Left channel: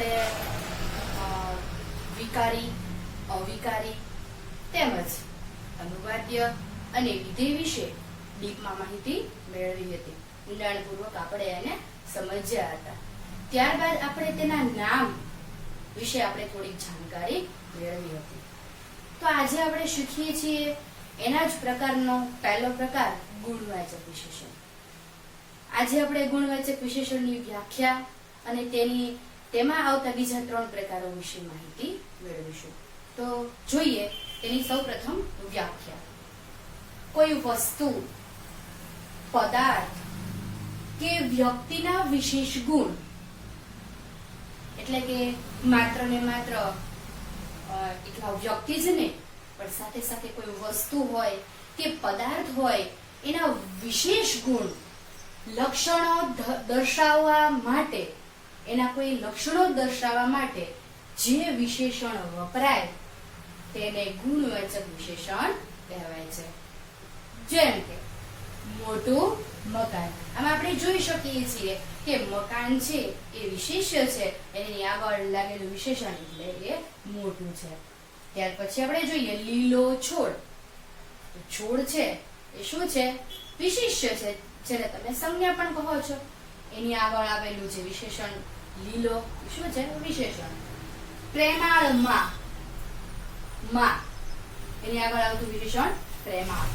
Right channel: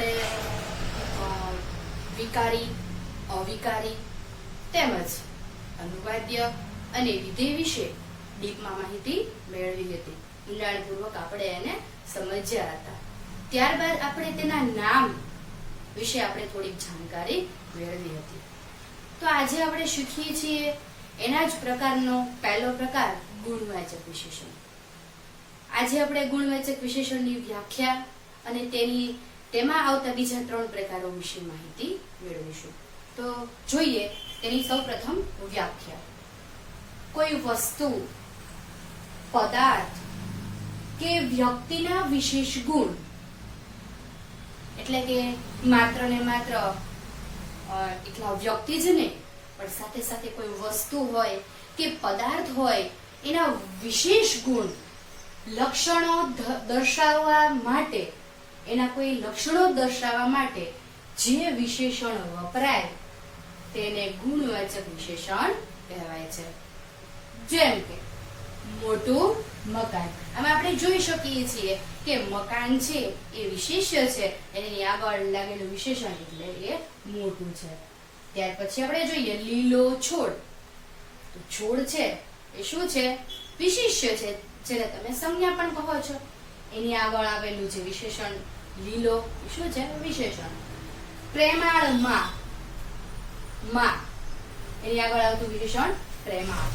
આપણે વિકારી, અવિકારી તેમજ અનુવાદ્ય અને વિધેય વિશે ડીપમાં માહિતી મેળવી હતી. ઊંડાણપૂર્વક આપણે એને સમજ્યા હતા. ત્યારબાદ આપણે તેના નામ વિશે આપણે થોડીક જાણકારી મેળવી હતી. તો આજે આપણે શીખીએ છીએ એના જ પ્રકારનો પહેલો પ્રકાર ગુણવાચક વિશેષણ. આજે આપણે ગુણવાચક વિશેષણની વ્યાખ્યા અને તેમાં આવતા બીજા 3 પ્રકારો વિશે માહિતી મેળવીશું. તો જોઈએ તેની સૌપ્રથમ વ્યાખ્યા. કોઈ વસ્તુ, પદાર્થ કે વ્યક્તિના વિશેષ ગુણ, એટલે કે માત્ર ને માત્ર એકલા વ્યક્તિ જ નહીં, પણ સાથે સાથે કોઈ વસ્તુ હોય કે પદાર્થ હોય એના વિશેષ ગુણ, લક્ષણો દર્શાવવા માટે, એના કોઈ લક્ષણો દર્શાવવા માટે જે વિશેષણ વપરાય તેને ગુણવાચક વિશેષણ કહેવાય છે. જેમ કે મોટું મકાન. આમાં આપણે જોઈ શકીએ છીએ કે મકાન છે એ વિશેષ્ય છે, એની આગળ લાગેલું વિશેષણ એટલે એ મોટું છે. ત્યાર પછી આપણે જોઈએ લીલો છોડ. છોડ છે એ શું છે? વિશેષ્ય છે, જેને તમે સંજ્ઞા પણ કહો છો. એની આગળ આવેલું જે વિશેષણ લીલો શું છે? વિશેષણ. પ્રેમાળ માં, એની આગળ આવતું વિશેષણ પ્રેમાળ.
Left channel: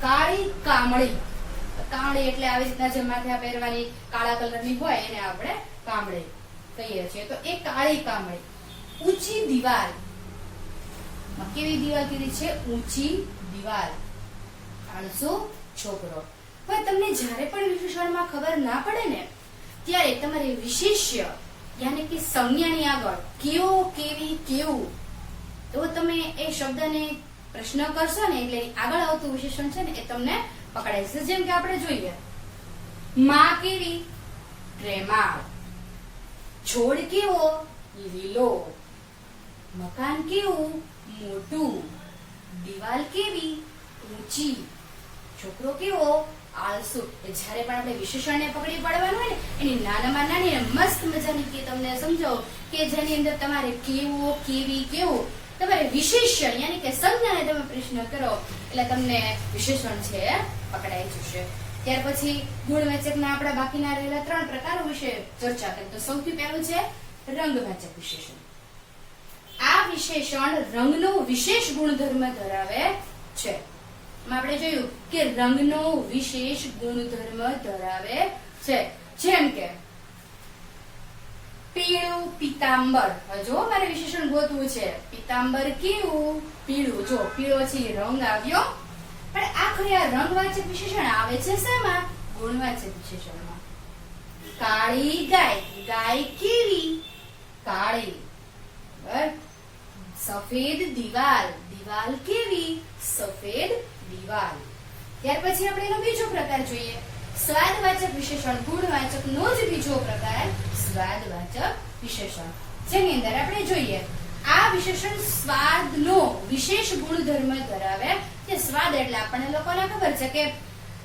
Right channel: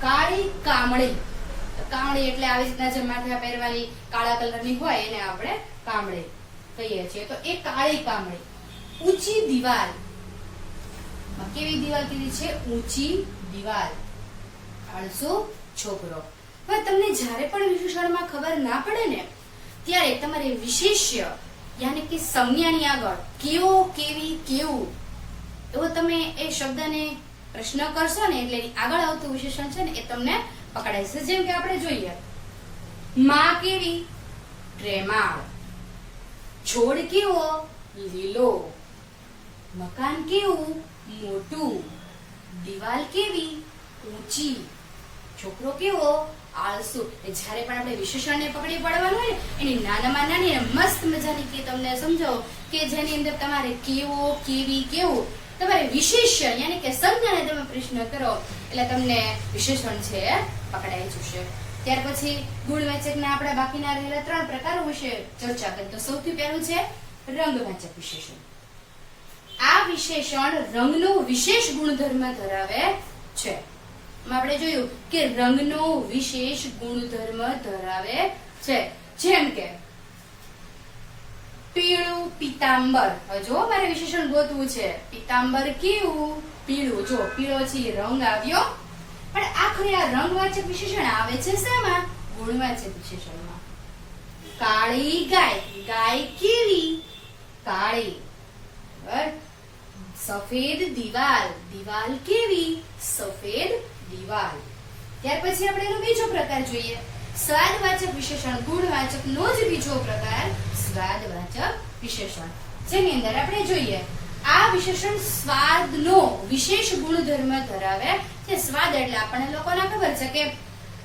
કાળી કામળી. કામળી એટલે આવી રીતના જે માથે પહેરવાની કાળા કલરની હોય એને આપણે કામળી કહીએ છીએ. તો એ કાળી કામળી. ઊંચી દિવાલ. કેવી દિવાલ કીધી છે? ઊંચી દિવાલ. આળસુ છોકરો. હવે તમને જ્યારે પણ વિશેષણમાં ખબર ના પડે ને ત્યારે તમારે વિશેષ્ય યાની કે સંજ્ઞાની આગળ કેવો, કેવી, કેવું એવો તમે એ શબ્દને પ્રશ્ન કરશો ને એટલે આગળ આવતું વિશેષણ છે ને એ તમને પકડાય છે. જેમ કે આપણે જોઈએ માં કેવી? પ્રેમાળ. છોડ કેવો? લીલો. મકાન કેવું? મોટું. દિવાલ કેવી? ઊંચી. છોકરો કેવો? આળસુ. જ્યારે પણ આપણે વિશેષણને પકડી પાડવાનું હોય ને એની નાનામાં નાની મસ્ત મજાની કે તમને સમજાવો કે જેની અંદર તમારે કેવો, કેવી, કેવું તમારે વિશેષ્ય યાની કે સંજ્ઞાને તમે પ્રશ્ન કરો એટલે તમને વિશેષણ છે પકડાઈ જશે. ત્યાર પછી ગુણવાચકના આપણા બાકીના રહેલા 3 પ્રકારો વિશે ચર્ચા કરીએ. તો સૌથી પહેલું છે રંગવાચક વિશેષણ. આ વિશેષણ રંગનો વિશેષ ગુણધર્મ ધરાવે છે. આપણે જોયું કે રંગનો વિશેષ ગુણધર્મ ધરાવે છે. જેમ કે પીળું પીતાંબર. જો મારે વિશેષણ ગોતવું છે. પીતાંબર કેવું? પીળું. જો પીળો છે રંગ આવ્યો, પણ આખરે આ રંગવાચક વિશેષણ આવે છે શેમાં? ગુણવાચક વિશેષણમાં. કાળી ગાય. ગાય કેવી? કાળી. સફેદ દિવાલ. દિવાલ કેવી? સફેદ દિવાલ. ત્યાર પછી આપણે એનો બીજો પ્રકાર જોઈએ. સ્વાદવાચક વિશેષણ. ગુણવાચકનો જ બીજો પ્રકાર સ્વાદવાચક વિશેષણ, જેની અંદર આપણે જોઈએ આ વિશેષણ સ્વાદનો વિશેષ ગુણધર્મ ધરાવે છે. સ્વાદ એટલે આપણને લોકોને ખબર છે કે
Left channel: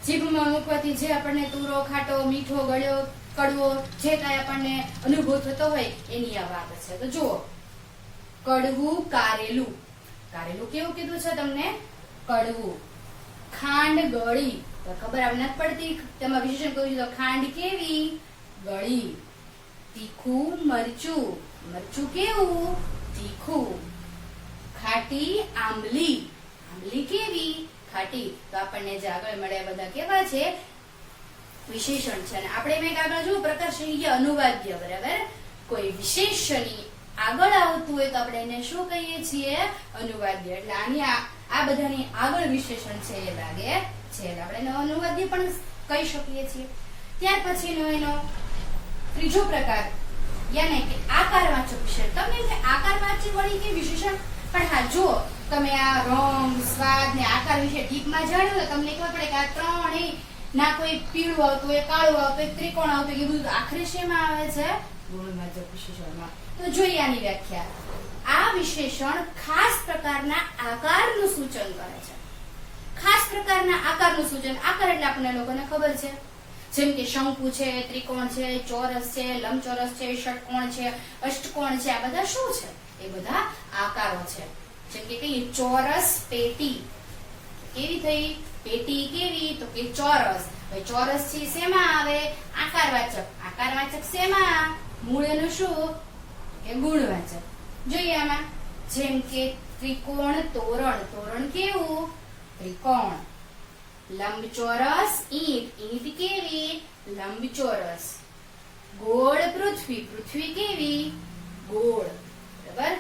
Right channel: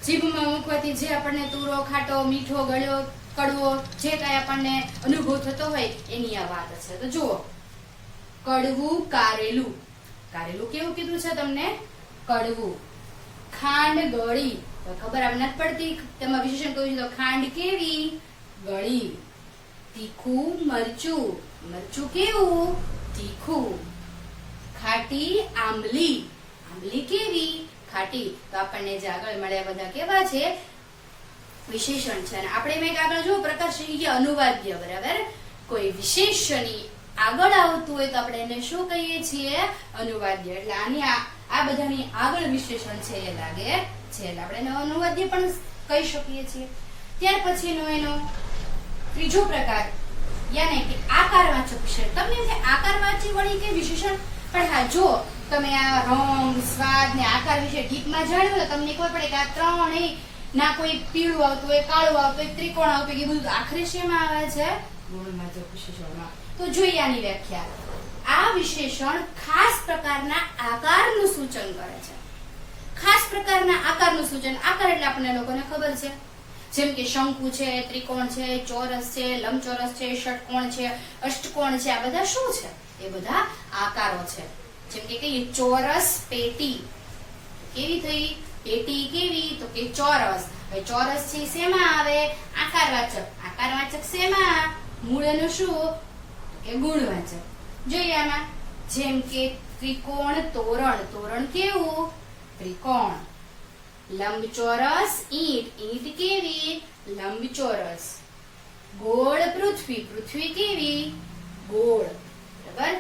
જીભમાં મૂકવાથી જે આપણને તુરો, ખાટો, મીઠો, ગળ્યો, કડવો જે કાંઈ આપણને અનુભવ થતો હોય એની આ વાત છે. તો જુઓ કડવું કારેલું. કારેલું કેવું કીધું છે તમને? કડવું. ખાંડ ગળી. ખબર આમ નથી પડતી તેમાં વિશેષણ કહ્યું છે તો ખાંડ કેવી? ગળી. તીખું મરચું. મરચું કેવું? તીખું. ખાટી આંબલી. આંબલી કેવી? ખાટી. તો આપણને જે આગળ મળ્યા બધા કેવા છે? વિશેષણ છે. અને આપણે મેં આગળ જો પ્રકાર છે અનુવાદ્ય. બરાબર. કોઈ વિશેષણની આગળ આવતું હોય તો આપણે એને શું કહીએ છીએ? અનુવાદ્ય. એટલે આની આ બધાની આગળ વિશેષણ છે એ લાગે છે એટલે આપણે એનો અનુવાદ્ય પણ કહી શકીએ છીએ. ત્યાર પછીનો એનો ત્રીજો પ્રકાર યાને કે આકારવાચક વિશેષણ. તમને કે આકારવાચી વળી કે વિશેષણ, પણ હા જો તમે આ રંગ, સ્વાદ ને આકાર વિશે ડીપમાં જાણ્યું તો તમને ખબર પડે કે આ ત્રણેય ના કોઈ પીળું આવતું હોય, કાળું આવતું હોય, ત્રિકોણ આવતું હોય, એ બધું આખરે શેમાં આવે છે? ગુણવાચક વિશેષણમાં. તો જોઈએ આની વ્યાખ્યા. આ વિશેષણ ખાસ પ્રકારના આકારનું સૂચન કરે છે. ખાસ પ્રકારના આકારનું સૂચન. આકાર એટલે આપણને લોકોને ખબર છે જેમ કે શંકુ છે, ત્રિકોણ છે, ચોરસ છે, લંબચોરસ છે, ષટકોણ છે, અષ્ટકોણ છે, આ બધા શું છે? એ બધા આકારો છે. જેમ કે કહીએ ચોરસ પેટી, કેવી થઈ? પેટી કેવી? તો કે ચોરસ. હવે ચોરસ છે શેમાં આવે? આકારવાચક. આકારવાચક શેમાં? મૂળ એનું શું? કે ગુણવાચક. જોઈએ આમાં, જેમ કે ત્રિકોણ તોરણ, તોરણ કેવું? ત્રિકોણ. લંબચોરસ ઈંટ, ઈંટ કેવી? લંબચોરસ. ગોળ પૃથ્વી, પૃથ્વી કેવી? ગોળ. બરાબર?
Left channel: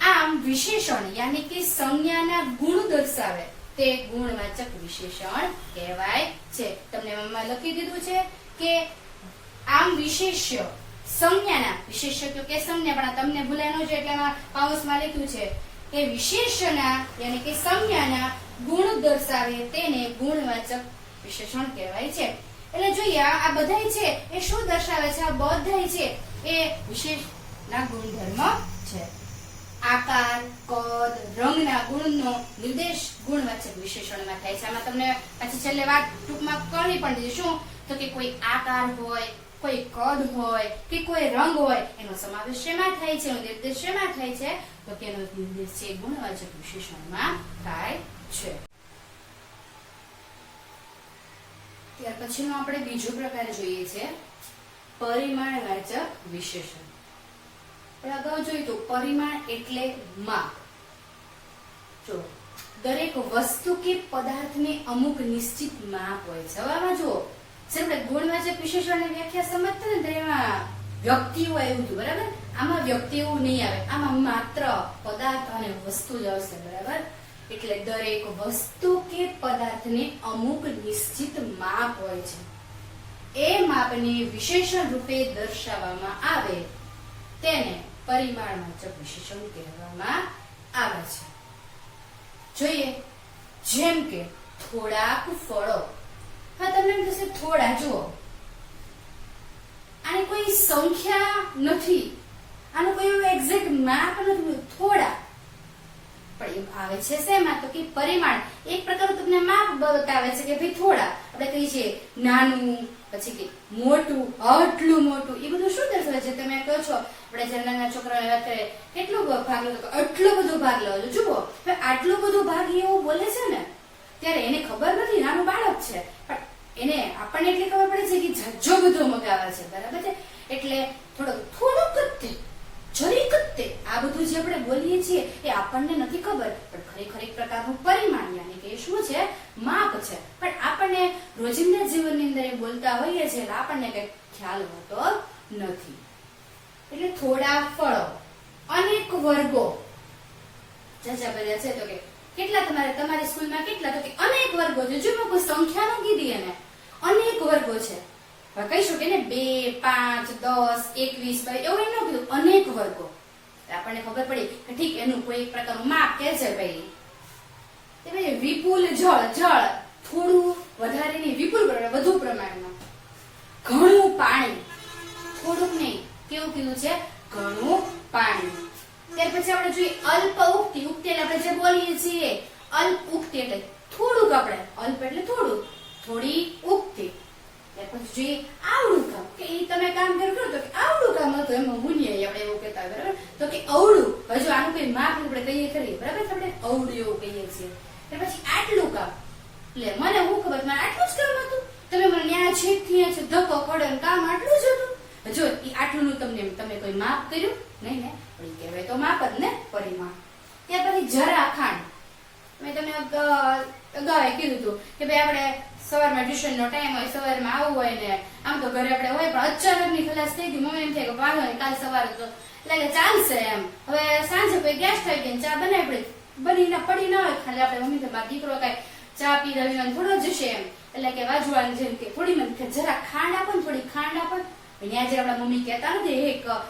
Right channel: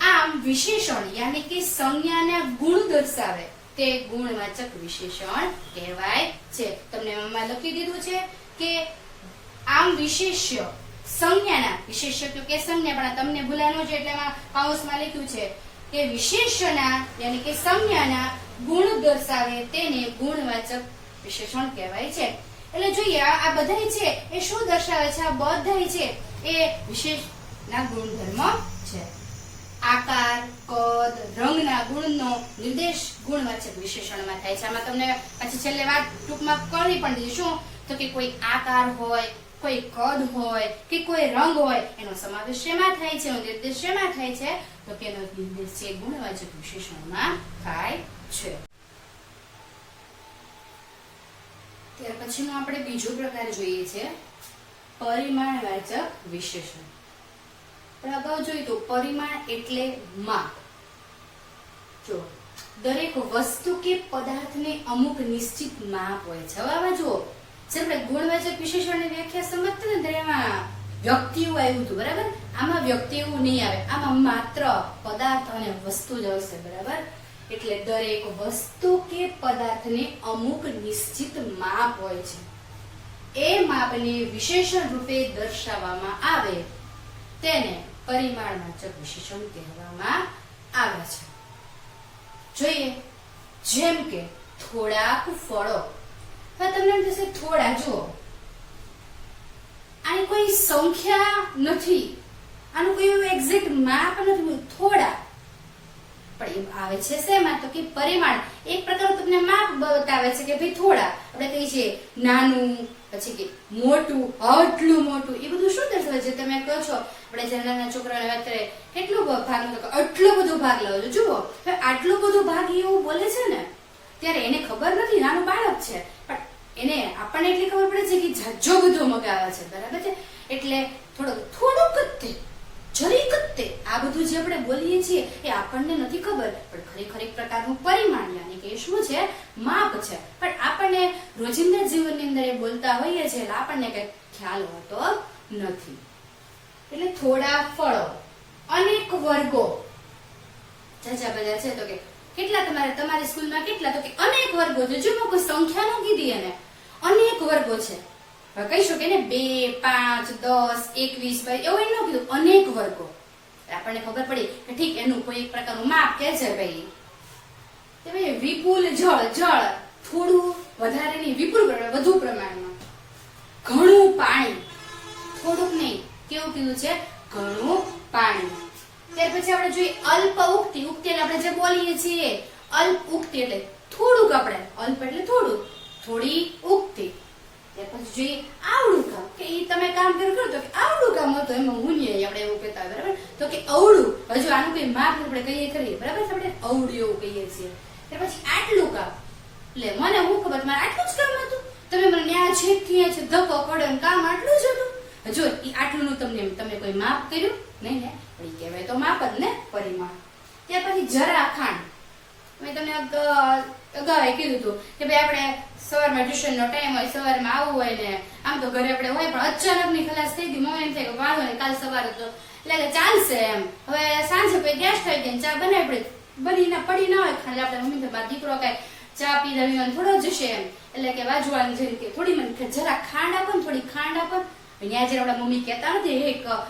આમ વિશેષણ યાની કે સંજ્ઞાના ગુણ દર્શાવે તે ગુણવાચક વિશેષણ કહેવાય છે. તમને આમાં લખી દીધું છે કે આમ વિશેષ્ય સંજ્ઞાના, વિશેષ્ય તો કે સંજ્ઞા, પણ તમને ભૂલાય ન છે એટલે એમાં કૌંસમાં લખ્યું છે કે વિશેષ્યના યાની કે સંજ્ઞાના ગુણ દર્શાવે તેને ગુણવાચક વિશેષણ કહેવાય છે. એટલે જોઈએ આ બધાય છે એ શું દર્શાવે છે? આ બધાય છે એ વિશેષના ગુણધર્મ છે. આકાર, કદ, રંગના ગુણનો નિર્દેશ ગુણવાચક વિશેષણમાં થાય છે. આમાં તમને પછી છેલ્લે વાત ટૂંકમાં કરવી પણ દીધી. શું? તો કે કોઈ આકાર હોય, કોઈ કદ હોય કે કોઈ રંગ હોય એનો સમાવેશ શેમાં થાય છે? એનો નિર્દેશ શેમાં થાય છે? તો કે એનો નિર્દેશ છે ગુણવાચક વિશેષણમાં થાય છે. ત્યાર પછીનો આપણે બીજો પ્રકાર જોઈએ છે પરિમાણવાચક વિશેષણ. અગાઉ જોયું તો પરિમાણ એટલે માપ. જો દરેક વસ્તુ કે પદાર્થને અમુક નિશ્ચિત માપ હોય છે. હવે આમાં જુઓ, આપણે ગુણવાચક વિશેષણની વ્યાખ્યા સમજતા ને એમાં વ્યક્તિઓ આવ્યું હતું, બરાબર? આમાં વ્યક્તિ એવું નહીં આવે, આમાં માત્ર પદાર્થ અને વસ્તુ જ આવશે, બરાબર? એટલે દરેક વસ્તુ કે પદાર્થને અમુક નિશ્ચિત માપ હોય છે. એ માપને વિશેષણ રૂપે દર્શાવવામાં આવે તેને પરિમાણવાચક વિશેષણ કહેવામાં આવે છે. જોઈએ, જેમ કે થોડાક ફળો. હવે તમને એમ થશે થોડા, જુઓ આની કોઈ સંખ્યા નથી, આનું કોઈ એક્ઝેક્ટ માપ નથી, થોડા. પણ એ આવે છે શેમાં? તો કે પરિમાણ. એક પ્રકારનું તમને માપ બતાવે છે કે ભાઈ થોડા. આપણે કહીએ છીએ નાનું, પછી કે મોટું, આટલું મોટું. એ બધું શું દર્શાવે છે? તમે કહો છો આપણે જ્યારે નાના છોકરાને વાત કરીએ કેટલો ભાગ લો, આટલો બધો ભાગ લો. જુઓ આટલું બધું ભાગ એવું બોલે છે ને, ત્યારે એને ખબર નથી, નાનું બાળક છે, પણ એને આપણને એટલી ખબર પડે છે કે જાજો બધો મગાવે છે, બરાબર છે? એટલે થોડુંક જ તે, જરીક જ તે, આ બધું જે આપણે બોલીએ છીએ એ આપણને નથી ખબર, પણ ખરેખર એક પ્રકારનું પરિમાણ યાની કે શું છે? માપ છે. પણ આપણને રોજિંદા જીવનની અંદર એ બોલતા હોઈએ છીએ એટલે આપણને કઈ ખ્યાલ હોતો નથી. એટલે થોડા ફળો, અનેક વર્ગો. જાજા બધા છે તો કે કેટલા તમારી સ્કૂલમાં કેટલા? તો કે અનેક વર્ગો છે. જો કોઈ સંખ્યા ન કીધી એને, અનેક વર્ગો છે. કહીશું કે 2, 5, 10, 21 એવું એમ ન કીધું, અનેક વર્ગો. આપણને ખબર પડી કે ઠીક એનું કોઈ એક પ્રકારનું માપ કે છે ભાઈ. વિપુલ જળ, જળ થોડું વધારે નહીં, વિપુલ વધુ પ્રમાણમાં. ઘણું પાણી, થોડુંક નહીં, કેવું કીધું છે? ઘણું પાણી. ત્યાર પછી આપણે જોઈએ અલ્પ ઉક્તિ. ઉક્તિ એટલે આપણે જે બોલીએ છીએ અલ્પ ઉક્તિ એટલે થોડુંક. આપણે અલ્પ એટલે થોડું, થોડી ઉક્તિ. ત્યાર પછી જોઈએ આવડું કામ, કે તમે કામ કરો તો આવડું કામ હતું, એમાં મુનિય આપણે એવું કહેતા હોય, બરાબર? તો કે અવળું. હજુ આનું કઈ માપ આપણે કહીએ ખરી, બરાબર? આપણે અવળું એવું કહીએ છીએ. ત્યાર પછી આટલું કામ, એટલે મને હું ખબર મારે આટલું જ કામ હતું, તમે મને ન્યા છેકથી ધક્કો પડે, કામ આટલું જ હતું. જો આટલું નું તમે કોઈ માપ કર્યું નહીં ને, પણ કહેવાય તો માપ જ ને, પરિમાણ. ત્યાર પછી જરા ખાંડ. મેં તમને અગાઉ કીધું હતું કે ભાઈ આપણે સવારમાં ટ્યુશન નો ટાઈમ હોય, સવારમાં આવવું હોય ને આમ તો ઘરે આપણે હોય, પણ અચાનક ની ખલાસ થઈ ગઈ, મમ્મી એમ થાય કે વાળો ને કાલ સવારે તો એટલે ચાલશે એમ. હવે સાંજે કોઈ ગેસ થઈ ગઈ, ચા બનાવી બની પડી ના હોય, ખાલી આપણે મમ્મી તો મારો દીકરો કઈ ચા પી રવિવાન થોડો જશે એમ, એટલે કે વાજવાળાને જેમ કે થોડી મને જરા ખાંડ આપો ને, થોડી ખાંડ આપો. ત્યાં જે આપણા મમ્મી કહેતા નથી 1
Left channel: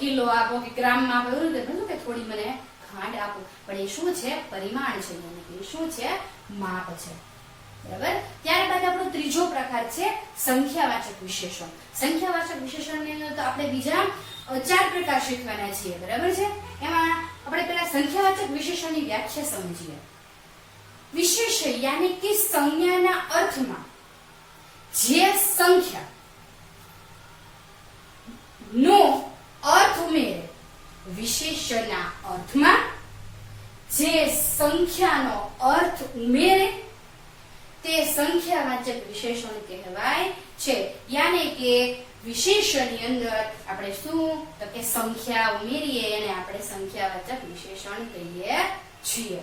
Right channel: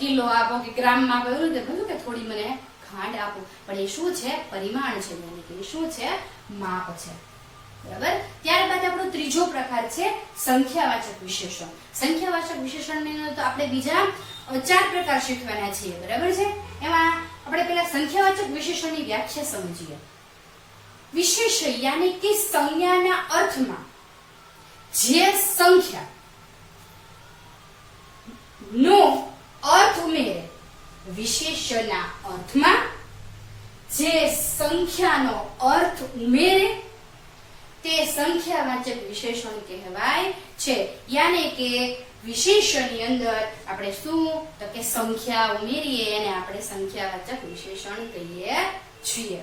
કિલો આપો કે ગ્રામમાં આપો, એવું નથી કે થોડી મને ખાંડ આપો. પણ એ શું છે? પરિમાણ છે, એ શું છે? માપ છે, બરાબર? ત્યારબાદ આપણો ત્રીજો પ્રકાર છે સંખ્યાવાચક વિશેષણ. સંખ્યાવાચક વિશેષણની તો આપણે બીજા 4 પ્રકાર શીખવાના છીએ, બરાબર છે? એમાં આપણે પહેલા સંખ્યાવાચક વિશેષણની વ્યાખ્યા સમજીએ. વિશેષ યાની કે સંજ્ઞાના અર્થમાં જે સંખ્યા નો અર્થ ઉમેરે વિશેષણના અર્થમાં, જે સંખ્યાનો અર્થ ઉમેરે તે સંખ્યાવાચક વિશેષણ કહેવાય છે. યાને કે વિશેષણની અંદર આપણે શું તો કે સંખ્યા ઉમેરીએ એને આપણે સંખ્યાવાચક વિશેષણ કહીએ છીએ.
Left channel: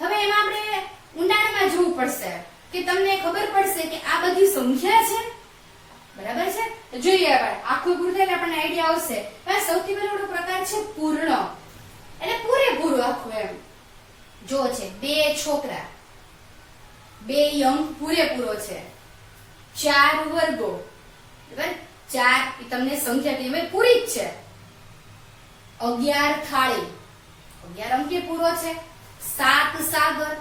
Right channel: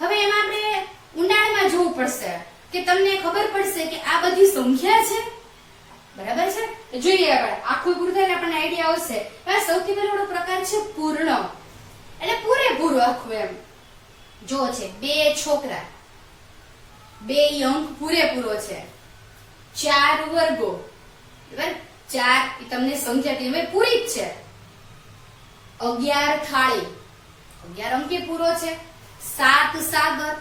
હવે એમાં આપણે ઊંડાણમાં જોવું પડશે કે તમને ખબર પડશે કે આ બધી સંખ્યા છે, બરાબર છે. તો જોઈએ આપણે આખું પૂરું થાય આપણને આઈડિયા આવશે. સૌથી પહેલો પ્રકાર છે પૂર્ણ, એટલે પૂરેપૂરું આખું એમ. જો છે બે છોકરા, બે અંક પૂરેપૂરો છે, 4 વર્ગો, બરાબર, 4 તમને સંખ્યા કહેવાય પૂરી જ છે. 11 થાળી, 11 અંક પૂરો છે. 7 સાગર,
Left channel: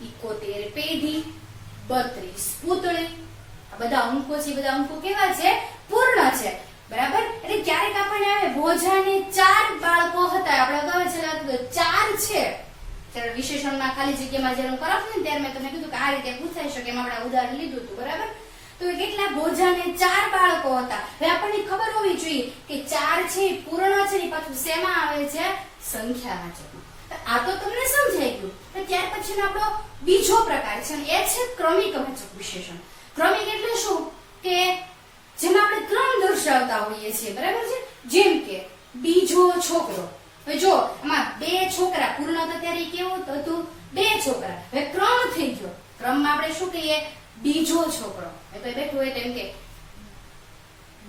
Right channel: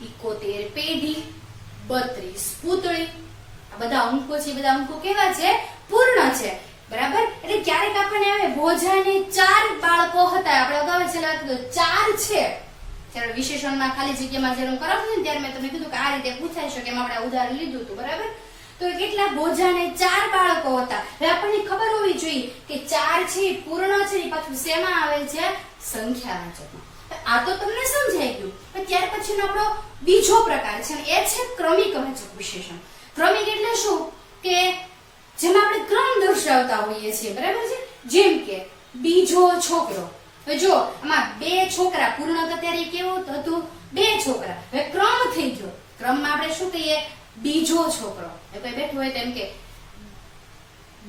71 પેઢી, 32 પૂતળી. આ બધા અંકો છે, બધા અંકો કેવા છે? પૂર્ણ છે, બરાબર. એટલે ક્યારેક આપણને આવે ભોજાને 4 બાળકો હતા, આપણે અગાઉ છેલ્લા 4 છે. જ્યારે વિશેષણમાં ખાલી જગ્યામાં જ્યારે હું કરાવતી ને ત્યારે મેં તમને કીધું કે આ રીતે પૂછાઈ શકે, એમાં આપણે ઉદાહરણ લીધું હતું, બરાબર. તો કેટલા ભોજાને 4 બાળકો હતા. હવે આપણને ખબર હોવી જોઈએ કે 4 છે પૂર્ણ છે, એ પાછું શેમાં આવે છે? સંખ્યાવાચકમાં. આ તો તમને સમજાઈ ગયું. ત્યાર પછીનો આપણો બીજો પ્રકાર છે એ છે ક્રમિક વાચક વિશેષણ. ક્રમિક એટલે શું કે જેમાં આપણે ક્રમ દર્શાવતા હોઈએ છીએ, બરાબર છે. જેમ કે બીજો છોકરો. હવે જો આમાં 2 છોકરા, પૂર્ણ હતા ત્યારે કેવું હતું? 2 છોકરા. હવે ક્રમ થઈ ગયો. ક્રમમાં આપણે શું કહીએ? બીજો છોકરો. કોઈ બેઠું હોય તો એમ કે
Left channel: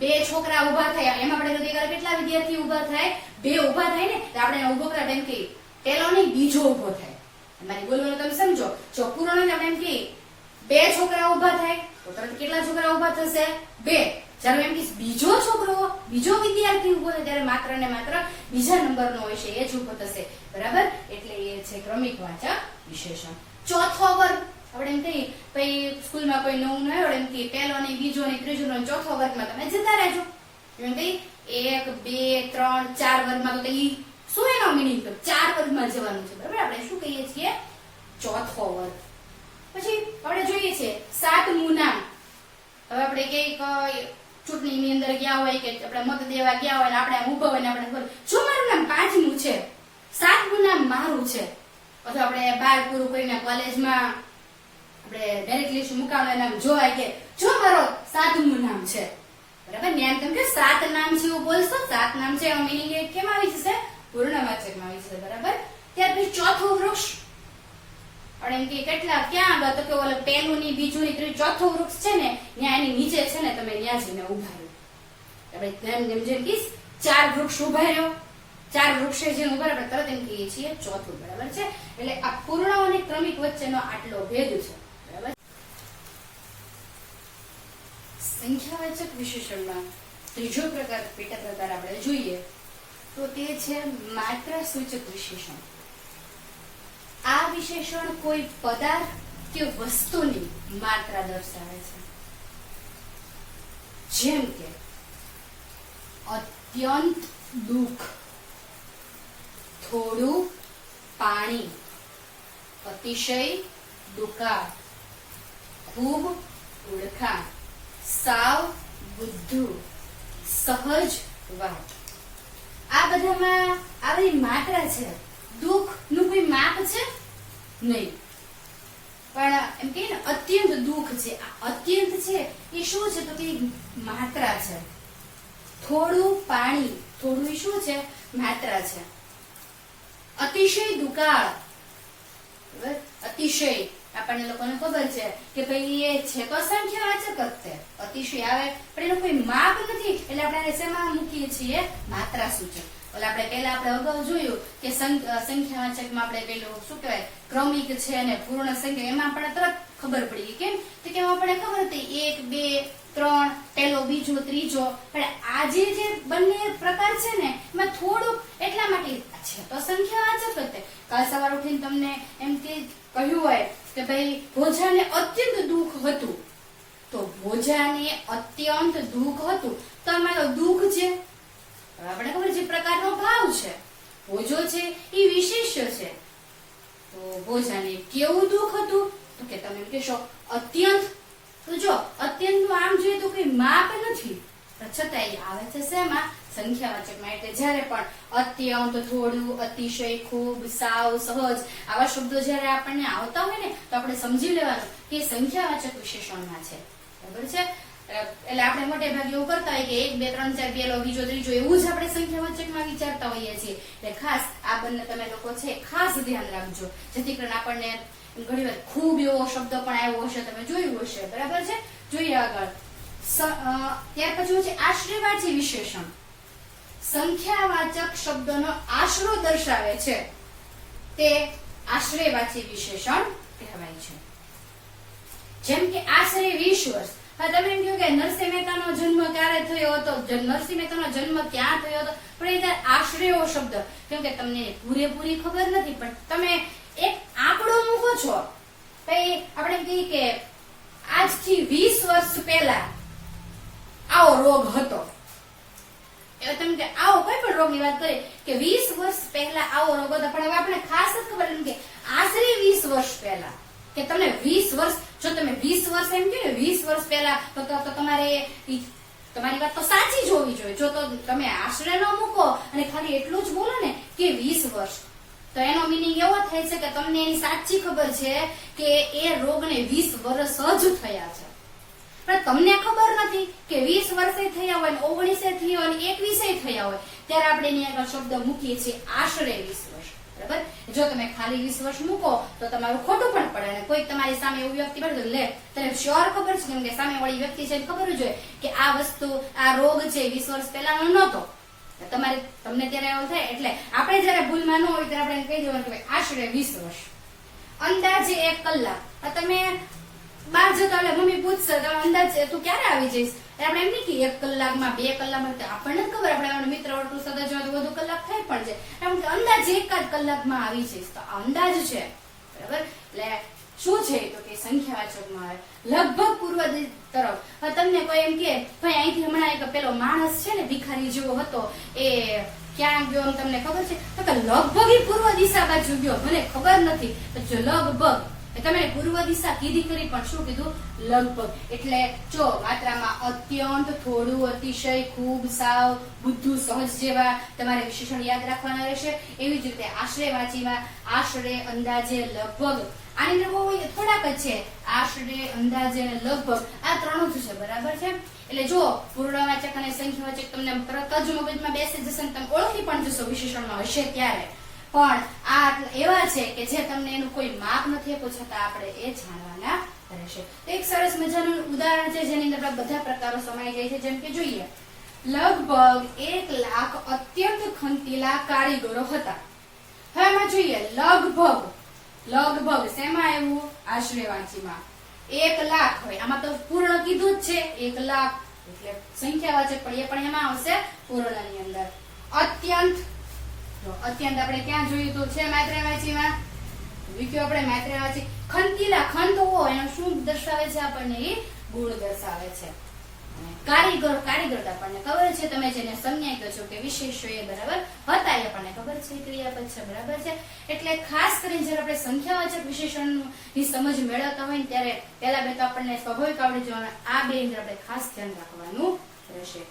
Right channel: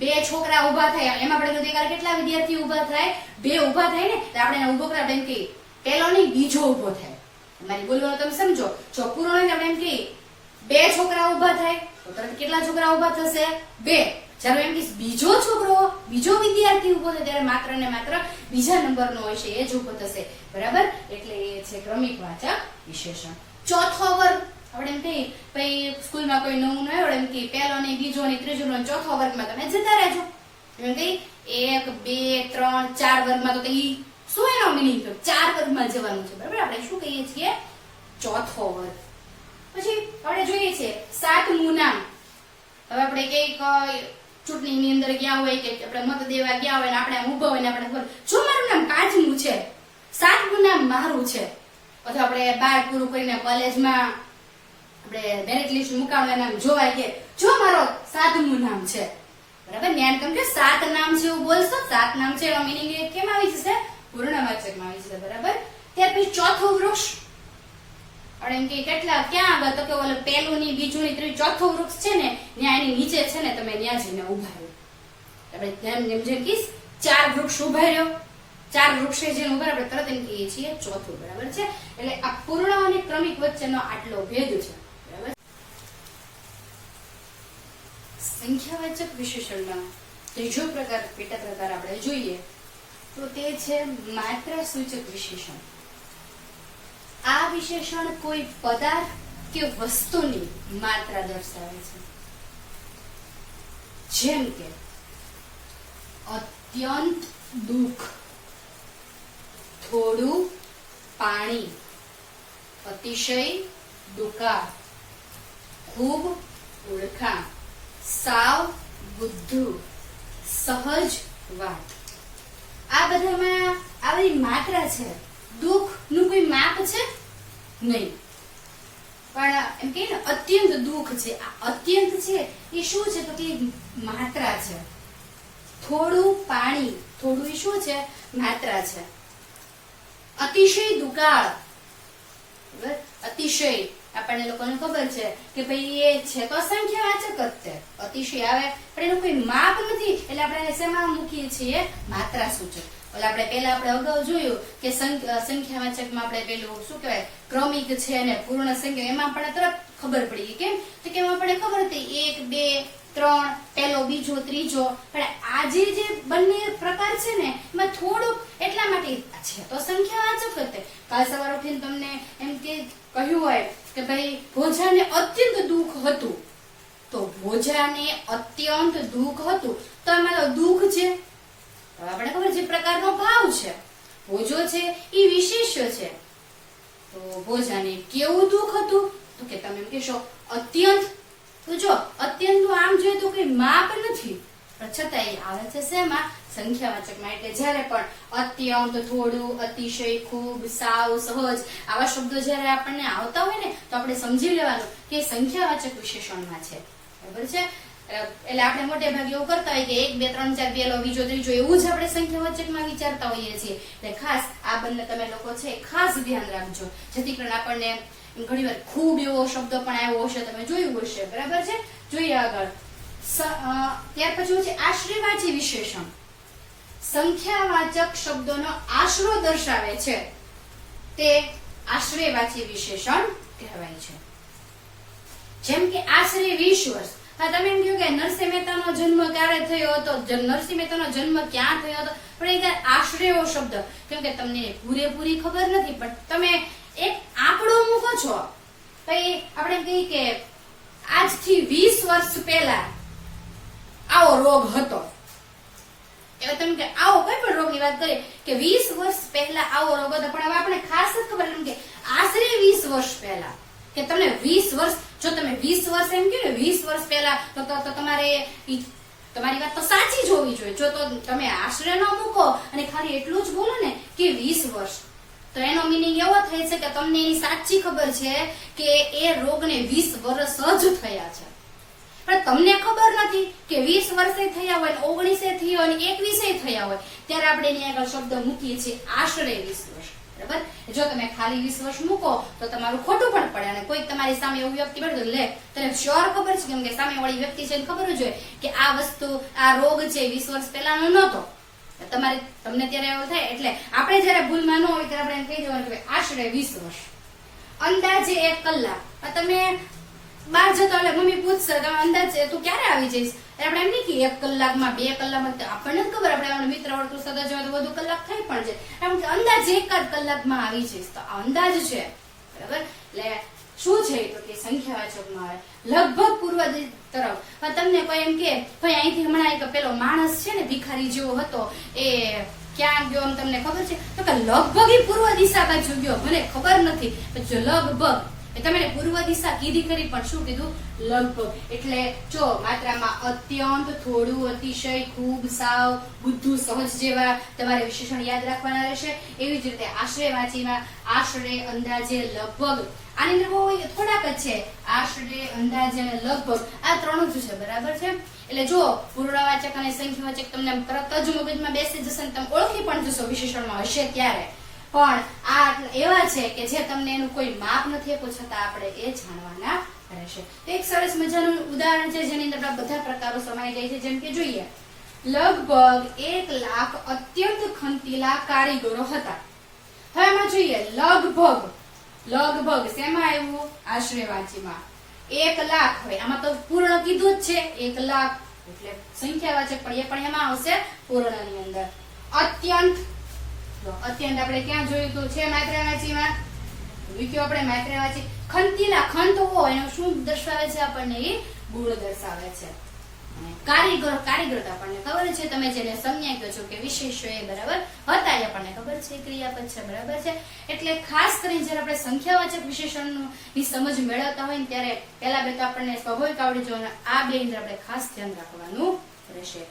2 છોકરા ઉભા થયા, એમાં આપણે કેટલા વિદ્યાર્થી ઉભા થાય? 2 ઉભા થાય ને, તો આપણે ઉભો કરા બેન કહીએ પેલો નહીં બીજો ઉભો થાય. મારી બોલવાનું તમે સમજો. જો પૂર્ણ આપણે એમ કહીએ 2 છોકરા ઉભા થાય તો તરત કેટલા છોકરા ઉભા થશે? 2. જ્યારે એમ કે બીજો છોકરો, બીજો વિદ્યાર્થી ઉભો થાય ત્યારે માત્ર ને માત્ર બીજા નંબરનો હોય છે એ જ ઉભો થશે, બરાબર. એટલે એ છે ક્રમિક વાચક વિશેષણ. ચોથો વર્ગ આપણે એમ કહીએ ભાઈ સ્કૂલમાં કોઈ નવું ન આવ્યું એમ કે પહેલો ને બીજો ને ત્રીજો ને ચોથો વર્ગમાં તમે જતા રહેજો. એમ કહીએ 1 2 3 4 વર્ગમાં તો ઈ શું એનો મીનિંગ? 4 વર્ગમાં જવાનું છે, બરાબર. આપણે શું કહીએ છીએ? ચોથો વર્ગ. પછી આપણે જોઈએ છે 7મું નામ. હવે આપણે કઈક ચૂંટણીની અંદર ગયા હોય કે આપણે મત દેવા ગયા હોય ને આપણે આમ ઊભા હોય ને આપણે જો મારું નામ 5મું છે, 7મું નામ મારું છે, અથવા આપણે 12 પૂરું કરીને કોલેજમાં આપણે મેરિટ લિસ્ટ મુકાવવાનું નામ જોવાય કે જો મારો 7મું નામ છે, બરાબર. જ્ઞાન કેમ કે 7 નામ છે એવું બોલશો, 7 નામ છે એનો મીનિંગ એ કેમ આવી જશે? પૂર્ણવાચકમાં આવી જશે, બરાબર. ત્યાર પછી ચોથું વૃક્ષ. આપણે એમ કે કેટલા ક્યાં આગળ? તો કે ઓલો પહેલું ની બીજું ની ત્રીજું ચોથું વૃક્ષ છે ને ત્યાં એની નીચે છે ને તમે ત્યાં જઈને ઉભા રહ્યો. આપણે જેમ કે 4 વૃક્ષ ઉભા રહ્યો, 4 વૃક્ષે જઈને ઉભા આપણે તરત એમ કહીએ છીએ ચોથું, બરાબર છે. એટલે આ પૂર્ણ અને ક્રમિક વચ્ચેનો આટલો ભેદ છે, બરાબર. સંખ્યાવાચક વિશેષણમાં ત્રીજો પ્રકાર પેટા પ્રકાર આપણે જોઈએ તો તે છે માત્રા સૂચક વિશેષણ. આ વિશેષણ કોઈ પદાર્થ કે વસ્તુની માત્રા દર્શાવે છે. જેમ કે અત્યંત દુઃખ, થોડું પાણી, અતિશય દુકાળ, ખૂબ ઓળખાણ, સાવ બુદ્ધુ, સહજ વાત. આ બધામાં આવી માત્રા છે. દુઃખ નું કોઈ માપ છે નહીં, પણ એમ કે અત્યંત દુઃખ છે. આ અત્યંત છે એ શું છે તો કે માત્રા છે. થોડું પાણી, થોડું એ શું છે? માત્રા છે. અતિશય દુકાળ, બરાબર. અતિશય આપણને લોકોને ખબર છે કે ભાઈ એ છે તો સંખ્યાવાચક જ છે. અતિશય આવે પણ એનું કોઈ માપ નથી એટલે આપણે એને શેમાં મૂકીએ છીએ? માત્રા સૂચક. ઓલા આપણે પહેલા આપણે અગાઉ જોયું કે સંખ્યાવાચકમાં આપણે પેલું શું કહેવાય ક્રમિક છે અને પૂર્ણ સંખ્યા, એમાં આપણને તરત ખબર પડી ગઈ. કેમ તો કે આપણને ખબર હતી 1 2 3 પહેલો બીજો ત્રીજો. પણ આ જે બંને પ્રકાર છે ને એમાં થોડુંક એટલા માટે છે તો સંખ્યાવાચક જ છે. કાલ સવારે ઉઠીને તમને એમ કે કહ્યું હોય કે ભાઈ ભોજાને અત્યંત દુઃખ હતું, તો ભોજાને અત્યંત દુઃખ હતું તો એમાં દુઃખ છે આપણે ખબર જે પ્રકારનો ભાવ છે. ભોજો છે એ વિશેષ્ય છે. તો ભોજાને કેવું દુઃખ હતું તો કે તમે કહેશો અત્યંત, તો જો અત્યંતનું આમ જોઈએ તો કઈ માપ નથી, પણ છતાંય આવે છે શેમાં? સંખ્યાવાચકમાં. એટલે જ્યારે પણ અત્યંત, થોડું, અતિશય, ખૂબ, સાવ, સહજ આવા શબ્દો જ્યારે આપણને આવતા હોય ને તો આપણે સમજી લેવાનું કે એ સંખ્યાવાચક વિશેષણમાં છે. બરાબર છે? એટલે આપણે મોટે ભાગે એવું કરતા હોય કે 1 2 3 4 પહેલો બીજો ત્રીજો એવું જ આપણે સંખ્યાવાચકમાં વિચારતા હોઈએ છીએ. એટલે ખાસ આ બંને તમે લોકો છે ખાસ ધ્યાન રાખજો, જેથી કરીને આપણને ઘણી વાર ખૂબ એવો શબ્દ પણ આવ્યો હશે, તમે જોયું હશે. બરાબર છે? જોઈએ આગળ. ત્યાર પછી છે આશ્રયવાચી વિશેષણ. સંખ્યાવાચક શબ્દોનો આશરો દર્શાવે છે તે આશ્રયવાચી વિશેષણ કહેવાય છે. જેમ કે આશરે 20 વર્ષ. હા, તમે એમ કહો કે નરસિંહ મહેતાનો જન્મ ક્યારે થયો હતો, નરસિંહ મહેતાનો જન્મ ક્યાં થયો હતો, પણ એ આશરે એવો શબ્દ, કેમ કે તમને પૂરેપૂરી ખબર નથી, પણ તમે એક આંકડો મૂકો છો. પછી આપણે એમ કહીએ કે આજથી 20 વર્ષ પહેલા આવો રોગ હતો. એટલે તમે કે આવો કોઈ પણ રોગની વાત કરીએ કે 20 વર્ષ પહેલા આવો રોગ હતો, પણ હવે આપણે ખાસ જ ખબર એમ કે આશરે 20 વર્ષ પહેલા, કે તમને 20 વર્ષ, જો તમે 20 વર્ષ એમ કહ્યું ને 20 વર્ષ પહેલા, તો તમારે તમારી વાત તો સાચી જ હોવી જોઈએ. જો તો તમે આશરે ન મૂકો અને ખાલી એટલું જ બોલો ને કે 20 વર્ષ, તો એનો મીનિંગ એવો થાય છે કે તમને એની સાચી ખબર છે કે એ રોગને 20 વર્ષ જ થયા છે, પણ તમને ખબર નથી કે 20 વર્ષે થયા હોય, 19 થયા હોય, 21 થયા હોય, ત્યારે આપણે એની આગળ શબ્દ મૂકીએ છીએ આશરે 20 વર્ષ. બરાબર? જો તમે ખાલી 20 વર્ષ મૂકો તો તમારું ખોટું પણ પડે, અને કોઈ તમારી સામે એવું વ્યક્તિ મળે લે તને શ્યોર ખબર છે, કેમ કે સામે વાળી વ્યક્તિ છે ખબર જ હોય કે આ વસ્તુ, આ રોગ છે 20 વર્ષ પહેલાનો નહોતો, તમને ત્યારે એવું થાય. એટલે આપણે જયારે ભૂલમાં ન હોય ત્યારે આપણે કહી દેવાનું કે આશરે 20 વર્ષ. અંદાજે 1 કલાક. તમે બહાર જતો એટલે મમ્મી પૂછશે તમે અંદાજે તું ક્યારે આવી જઈશ, આપણે એમ નહીં કે 1 કલાકમાં 2 કલાકમાં, આપણને જ ખબર, આપણે મિત્ર વર્તુળ સદા જેવા તો બધું કલાક થાય પણ છે, એમ કે અંદાજે 1 કલાકમાં આવી જઈશ, તો અંદાજ છે. બરાબર? એટલે શું છે તો કે સંખ્યાવાચકમાં આવે લગભગ પૂર્વ તરફ. તમને કોઈ એમ કે ભાઈ અહીંથી હમણાં એક પેલો માણસ છે ને ભિખારી જેવો હતો, એ ક્યાં ગયો એમ તમને ખબર છે? તો કે લગભગ એ પૂર્વ દિશા બાજુ ગયો, મને ખબર નથી, જો લગભગ તમે પૂર્વ દિશા કીધી કરી, પણ શું કીધું? લગભગ. એટલે જો માત્રામાં અત્યંત, થોડું, અતિશય, ખૂબ, સાવ, બુદ્ધુ, સહજ જેવા તમારે વિશેષણ યાદ રાખવાના રહેશે. એવી જ રીતે આશ્રયવાચીમાં આશરે, અંદાજે, લગભગ, આની અંદર બહુ થોડાક જ છે, આશરે, અંદાજે અને લગભગ, આ ત્રણ જ છે. બરાબર છે? એટલે જો પૂર્ણવાચક અને સંખ્યાવાચક તમને તરત જ મગજમાં બેસી જશે, તમે ઓળખી પણ જશો વિશેષણમાં હશે ત્યારે. પણ આ એવા છે કે જે તમને એનું કોઈ માપ નથી આપ્યું, છતાં આપણે એ જાણવાના રહેશે. એક સરસ મજાનું ઉદાહરણ છે જેની અંદર બધા પ્રકારો સમાઈ જાય છે. જેમ કે જોઈએ, લગભગ 1 લાખ અત્યંત ખંતીલા કારીગરો હતા. હવે એમાં જોઈએ લગભગ, લગભગ શેમાં આવ્યું? આશ્રયવાચીમાં. 1 લાખ, હવે આમાં તો પૂર્ણ કીધું જ છે, 1 લાખ એટલે સંખ્યાવાચક પણ એમાં આવશે પૂર્ણની અંદર. અત્યંત, અત્યંત આપણે ક્યાં જોયું હતું? છે માત્રાવાચીમાં. વિક્યો આપણે માત્રાવાચી. ખંતીલા, ખંત હોવો એનો શું દર્શાવે છે? આપણને એ ગુણ દર્શાવે છે. કારીગર, કારીગર આપણને ખબર છે, તમે જેને સંજ્ઞા કહો છો કે વિશેષો એ બરાબર હતા, એ આપણને ખબર છે ક્રિયાપદ છે. બરાબર છે? એટલે ખાસ કરીને જયારે આપણે સંખ્યાવાચક વિશેષણની સમજ મેળવતા હોય ત્યારે પેલા બે તો આપણને સ્વાભાવિક આવડી જવાનું, આ બે અંદર આપણે ખાસ ધ્યાન રાખવાનું રહેશે.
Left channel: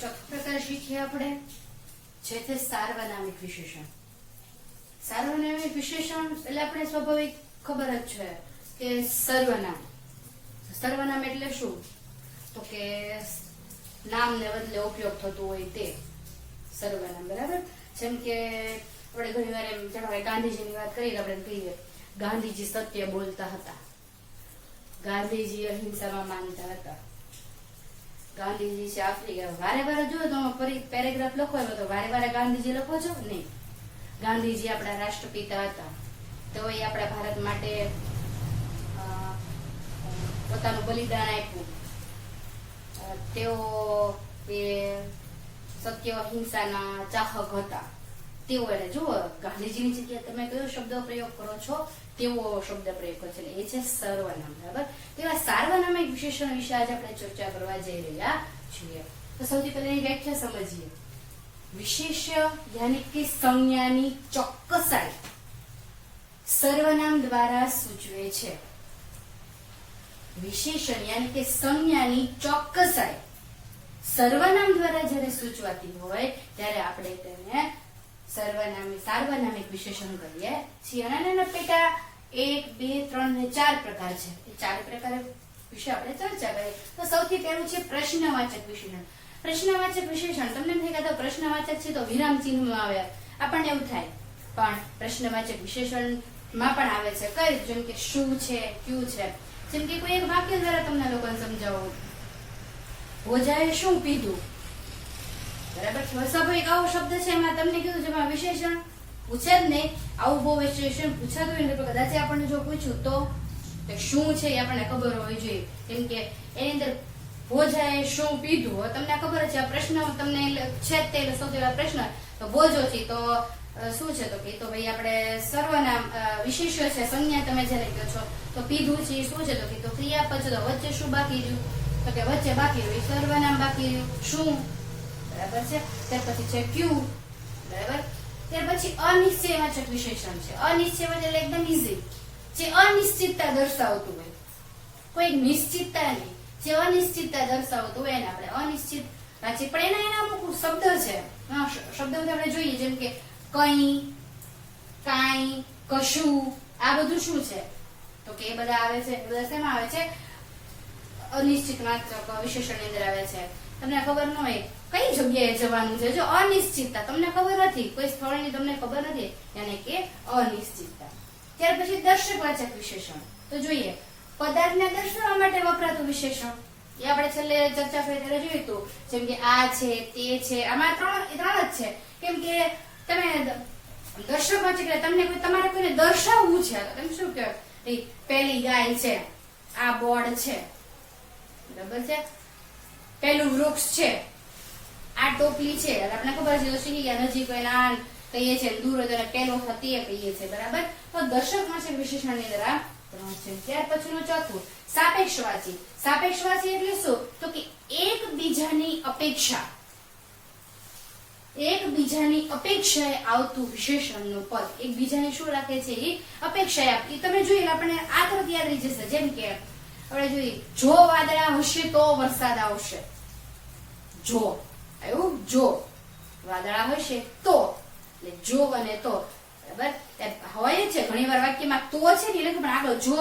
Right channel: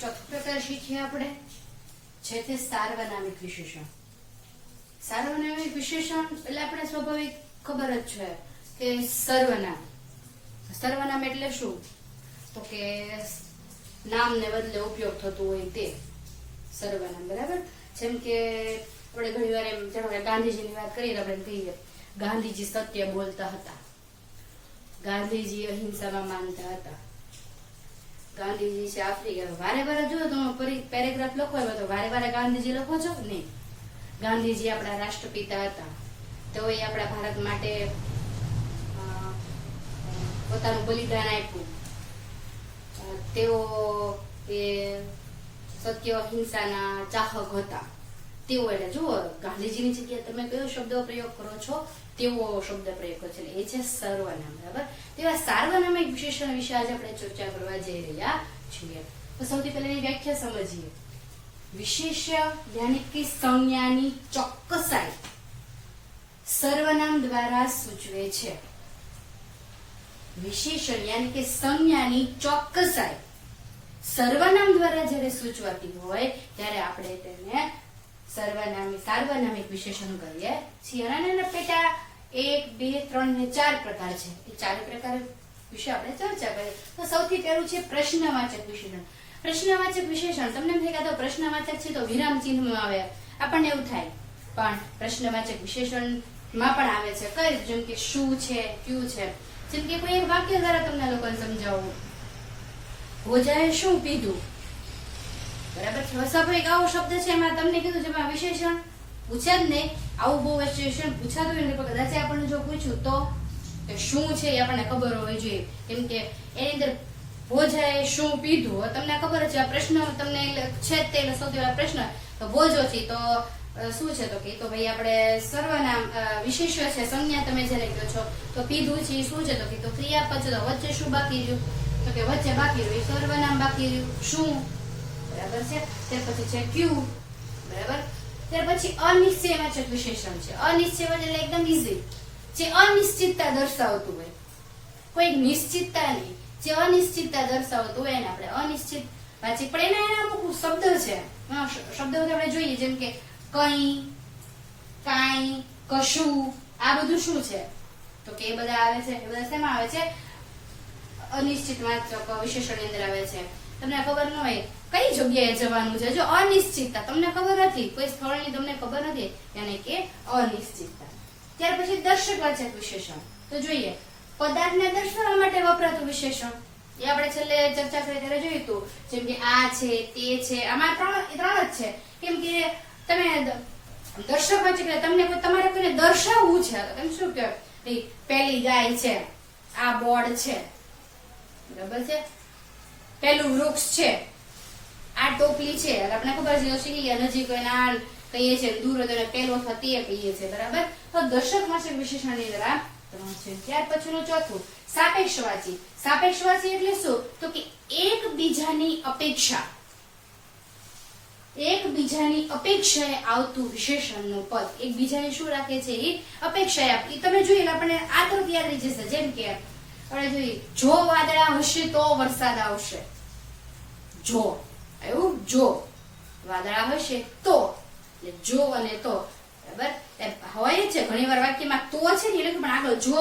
ચોથો પ્રકાર શીખીએ આપણે, છે તે સાર્વનામિક વિશેષણ. સાર્વનામિક વિશેષણ એટલે આપણે સ્વાભાવિક ખબર જ છે કે સર્વનામ. સર્વનામ એટલે શું? તો કે નામને બદલે ઉપયોગ થતું હોય તે સર્વનામ. બરાબર? જેમ કે આપણે ઘણી વાર એમ જાણે ગાંધીજીની વાત કરીએ તો આપણે કહીએ ગાંધીજી સત્ય બોલતા હતા, ગાંધીજી અહિંસામાં માનતા હતા, ગાંધીજી છે આફ્રિકા. વારે વારે જો તો પેરેગ્રાફ લખો એમાં તો વારે વારે ગાંધીજી લખો છો નહીં. ગાંધીજી આપણા રાષ્ટ્રપિતા હતા, તો એ આપણા ભારત માટે પોતાનું બલિદાન આપ્યું. તેઓ એ સત્ય અહિંસાના ચાહક હતા. તેઓ એટલે જુઓ ગાંધીજીની જગ્યાએ તમે કયો શબ્દ પ્રયોગ કરો છો? તેવો શબ્દ પ્રયોગ કરો છો, એટલે એ છે સર્વનામ. બરાબર? તેવા સાર્વનામિક વિશેષણ વિશે આજે આપણે ચર્ચા કરવા જઈ રહ્યા છીએ. તો સૌથી પહેલા એની વ્યાખ્યા સમજીએ. વિશેષ યાની કે સંજ્ઞાની ચોક્કસાઈ સર્વનામ દ્વારા સૂચવે છે. વિશેષણ યાની કે સંજ્ઞાની ચોક્કસાઈ સર્વનામ દ્વારા જ્યારે સૂચવાતી હોય ત્યારે આપણે તેને સાર્વનામિક વિશેષણ કહીએ છીએ. અને એના પેટા 1, 2, 3 ને 4 પ્રકાર છે. એ 4 પ્રકાર વિશે આપણે ચર્ચા કરીએ. તો સૌથી પહેલું છે પ્રશ્નવાચક વિશેષણ. પ્રશ્નવાચક વિશેષણ તમને એમ થાય કે પ્રશ્નવાચક છે તો વિરામ ચિહ્ન આવે, આપણને એવું થાય, પણ પ્રશ્નવાચક વિશેષણમાં પણ આવે છે. કઈ જેમ કે શું છે, ક્યું છે. જેમ કે કોઈ એક વાક્ય દ્વારા તમને લોકોને સમજાવું, ભોજાએ શું પીધું, બરાબર છે. સ્વાભાવિક આવો શબ્દ છે, એમાં તમને કીધું જેમાં વિશેષણ પૂછ્યા જ નહીં. આવું બહુ વિશેષણ પૂછાતું હોય ને કદાચ આપણને જો પૂછ્યું તો કે શું છે એ આપણને ખબર હોવી જોઈએ. કેમ કે એની અંદર ભોજાએ શું પીધું તમને ખબર છે. આ પ્રશ્ન તમને છે જ તે સૌથી પહેલા પ્રશ્ન તો ભોજો છે તો શું છે, તો કે તો ભાઈ આપણે સર્વનામ વિશેષ છે, સંજ્ઞા તમે જેને કહો છો. તો પીધું છે શું છે, તો કે તો ક્રિયાપદ છે, તો વચ્ચે શું બાકી રહ્યું, તો કે વચ્ચે બાકી રહ્યું સર્વનામ બાકી રહ્યું શું, બરાબર છે. ત્યાર પછી છે ક્યુ, બરાબર. ત્યાર પછી અનિશ્ચયવાચક વિશેષણ છે. અનિશ્ચયવાચક એટલે એકદમ ઈઝી, જે અનિશ્ચિતતા દર્શાવતું હોય, કોઈ નિશ્ચિતતા નહીં, જે અનિશ્ચિતતા દર્શાવતું હોય એને આપણે અનિશ્ચિત વાચક. પણ એના અમુક શબ્દ છે, શબ્દો આપણે જોઈએ, જેમ કે કઈ, કાંઈ, કશું, આ બધું શું છે, તો કે એ બધા આવે છે. એ બધા શેમાં આવે છે? અનિશ્ચિત વાચક વિશેષણની અંદર આવે છે. તમને ખબર ન હોય કઈ જગ્યાએ જવાનું છે, જો અનિશ્ચિતતા તમને ખબર નથી, કોઈ સ્થળની તમને ખબર નથી, યાની કે અનિશ્ચિતતા. ત્યાર પછી દર્શકવાચક વિશેષણ. તો જોઈએ પદાર્થને દર્શાવવા માટે વપરાતું વિશેષણ. એ આપણે છેલ્લે ચર્ચા કરી ત્યારે જોયું હતું, જેમ કે આ છે, તે છે, આમાં ત્રણ જ છે. કેમ કે તમે દર્શકવાચક એટલે તમને તમારે કોઈને દર્શાવવું છે, તો તમે શું કહો, પેલી ગાય છે, આ બોર્ડ છે, બરાબર છે, પેલું વૃક્ષ છે, આ ટોપલી છે. આપણને ખબર છે નજીક હોય આ કહીએ છીએ, દૂર હોય તો પેલો અથવા તે કહીએ છીએ, બરાબર. તો દર્શકવાચક વિશેષણની અંદર આ ત્રણ છે. ત્યાર પછીનું ચોથું સાપેક્ષવાચી. સાપેક્ષવાચી એટલે શું, તો કે એકબીજાની અપેક્ષાએ આવતું વિશેષણનું પદ. એકબીજાને શું રાખે છે, એ અપેક્ષાએ આપતી. તમે જોઈ આપણને આ તરફ યાદ રહી જશે. જેમ કે આપણે જોઈએ જો વાદળા હશે તો વરસાદ આવશે. જો એવું, જો વાદળા હશે તો, એટલે જો અને તો, બરાબર હોય છે. ઘણી વાર વાક્યમાં તો છે ને એટલે પણ આગળ જો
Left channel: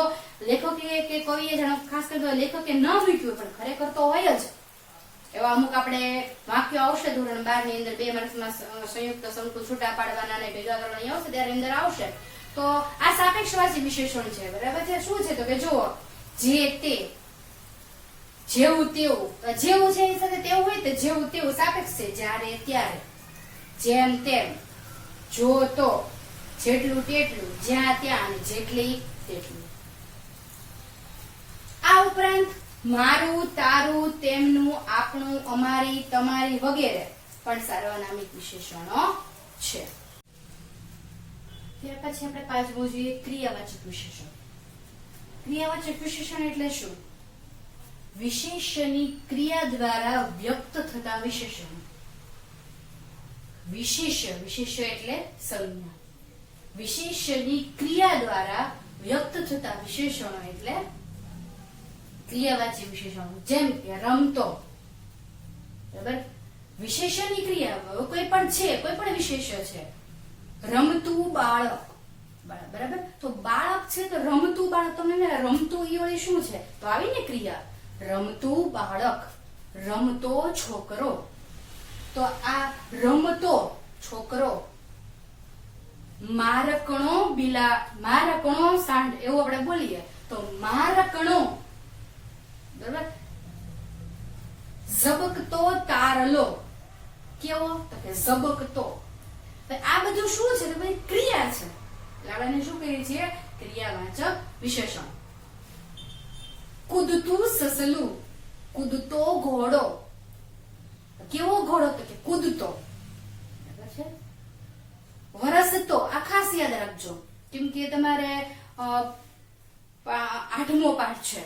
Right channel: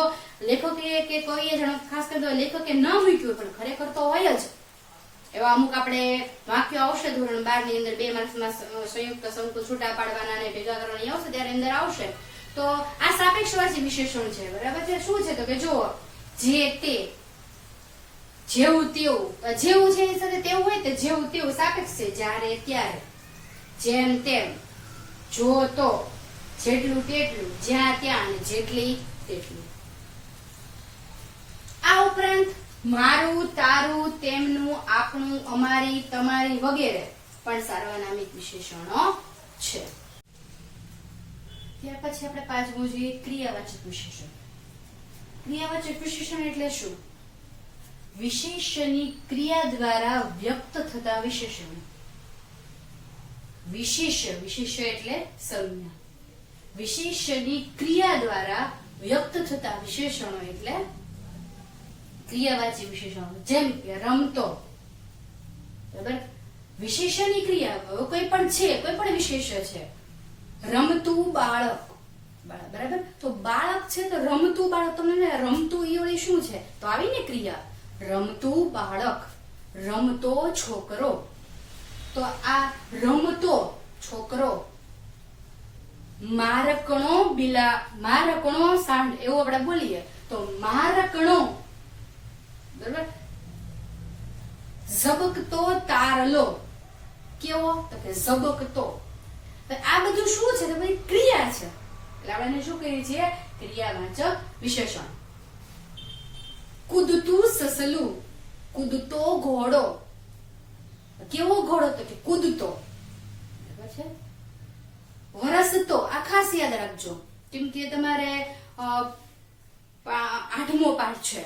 લેખકે કે કોઈએ ખાસ કરીને લેખકે ન મૂક્યું પણ ખરેખર તો હોય જ. એવા અમુક આપણે વાક્યો આવશે ધોરણ 12 ની અંદર 2 માર્ક્સમાં સંયુક્ત સંકુલ છૂટા પાડવાના અને ભેગા કરવાની આવશે ત્યારે અંદર આવશે. તો આ સાપેક્ષવાચી વિશેષણ છે, બરાબર છે. શું છે, તો કે જો જે તે, જેવું તેવું, જેવું છે એની સાથે તેવું હોય તો જેવું તેવું સાપેક્ષ છે. જ્યારે ત્યારે, જેમ તેમ, જો તો, જેટલું તેટલું, જ્યાં ત્યાં, અને જેટલી તેટલું. આ ઉપરાંત મારું, તારું, તેમનું, આપણું, અમારી, તમારી વગેરે પણ સાર્વનામિક વિશેષણો છે. ત્યાર પછી આપણે પાંચમું જોઈએ ક્રિયાવાચક વિશેષણ. ક્રિયાવાચક વિશેષણ એટલે શું? વિશેષની ક્રિયા દ્વારા વ્યક્ત થતા વિશેષણો. વિશેષ એટલે સંજ્ઞા. વિશેષની ક્રિયા દ્વારા વ્યક્ત થતા વિશેષણો એટલે ક્રિયાવાચી વિશેષણો. જેમ કે રમતો, બરાબર. વિશેષની ક્રિયા કોઈ પણ છે, કોઈ પણ વિશેષ છે. રમતું બાળક, બરાબર. તો બાળક છે તો રમતું બાળક, તમને રમતું એ વળી શું છે, તો આવી ને ક્રિયા રમતું બાળક, રમતો છોકરો. તો આ રમતો છોકરો, મારકણો સાંડ એવું આપણે બોલીએ તો મારકણો, બરાબર. ઝબકતો તારલો, કેવો, તો કે ઝબકતો. આ બધું શું છે, તો ભાઈ ક્રિયા છે. એટલે આપણે શું કહીએ છીએ, ક્રિયાવાચક વિશેષણ. કૂદતું સસલું, કૂદતો ઘોડો, કેવો ઘોડો, તો કે કૂદતો, બરાબર છે. વરસતો, આ ખાસ યાદ રાખજો કેમ કે તમારે 8મો પાઠ છે,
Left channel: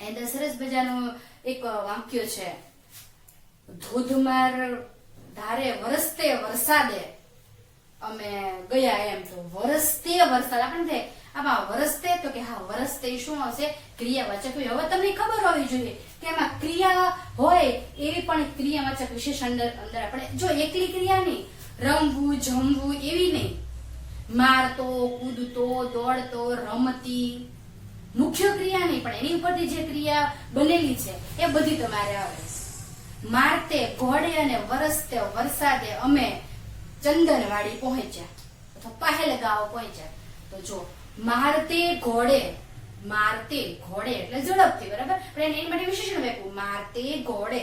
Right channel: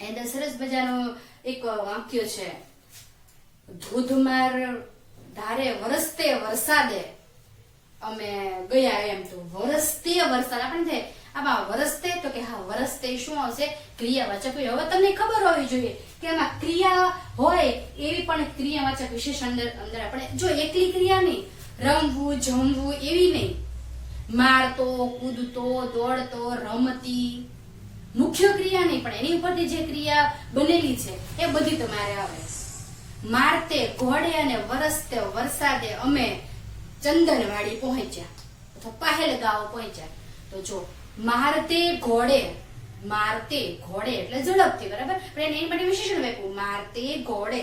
એના સરસ મજાનું એક વાક્ય છે, ધોધમાર ધારે વરસતે વરસાદે અમે ગયા. એમ તો વરસતે વરસાદ આપણને આમાં વરસતે તો કે હા વરસતે શું આવશે ક્રિયાવાચક. હવે તમને ખબર હોવી જોઈએ કે આમાં ક્રિયા હોય એવી પણ ક્રિયાવાચક વિશેષણ અંદર આપણે જો એકલી ક્રિયા નહીં, રમવું જમવું એવી નહીં, મારતો કૂદતો દોડતો રમતી મુખ્ય ક્રિયા નહીં પણ એની ઉપરથી જે ક્રિયા બનેલી છે એ બધી તમારે આવે. મારતે ઘોડે અને વરસતે વરસાદે અમે ચંદનવાડી પહોંચ્યા અથવા પહેલગાંવ પહોંચ્યા. તો જો મારતે ઘોડે એટલે ઝડપથી, બરાબર, પણ એની માટે વિશેષણ આપ્યું મારતે ઘોડે.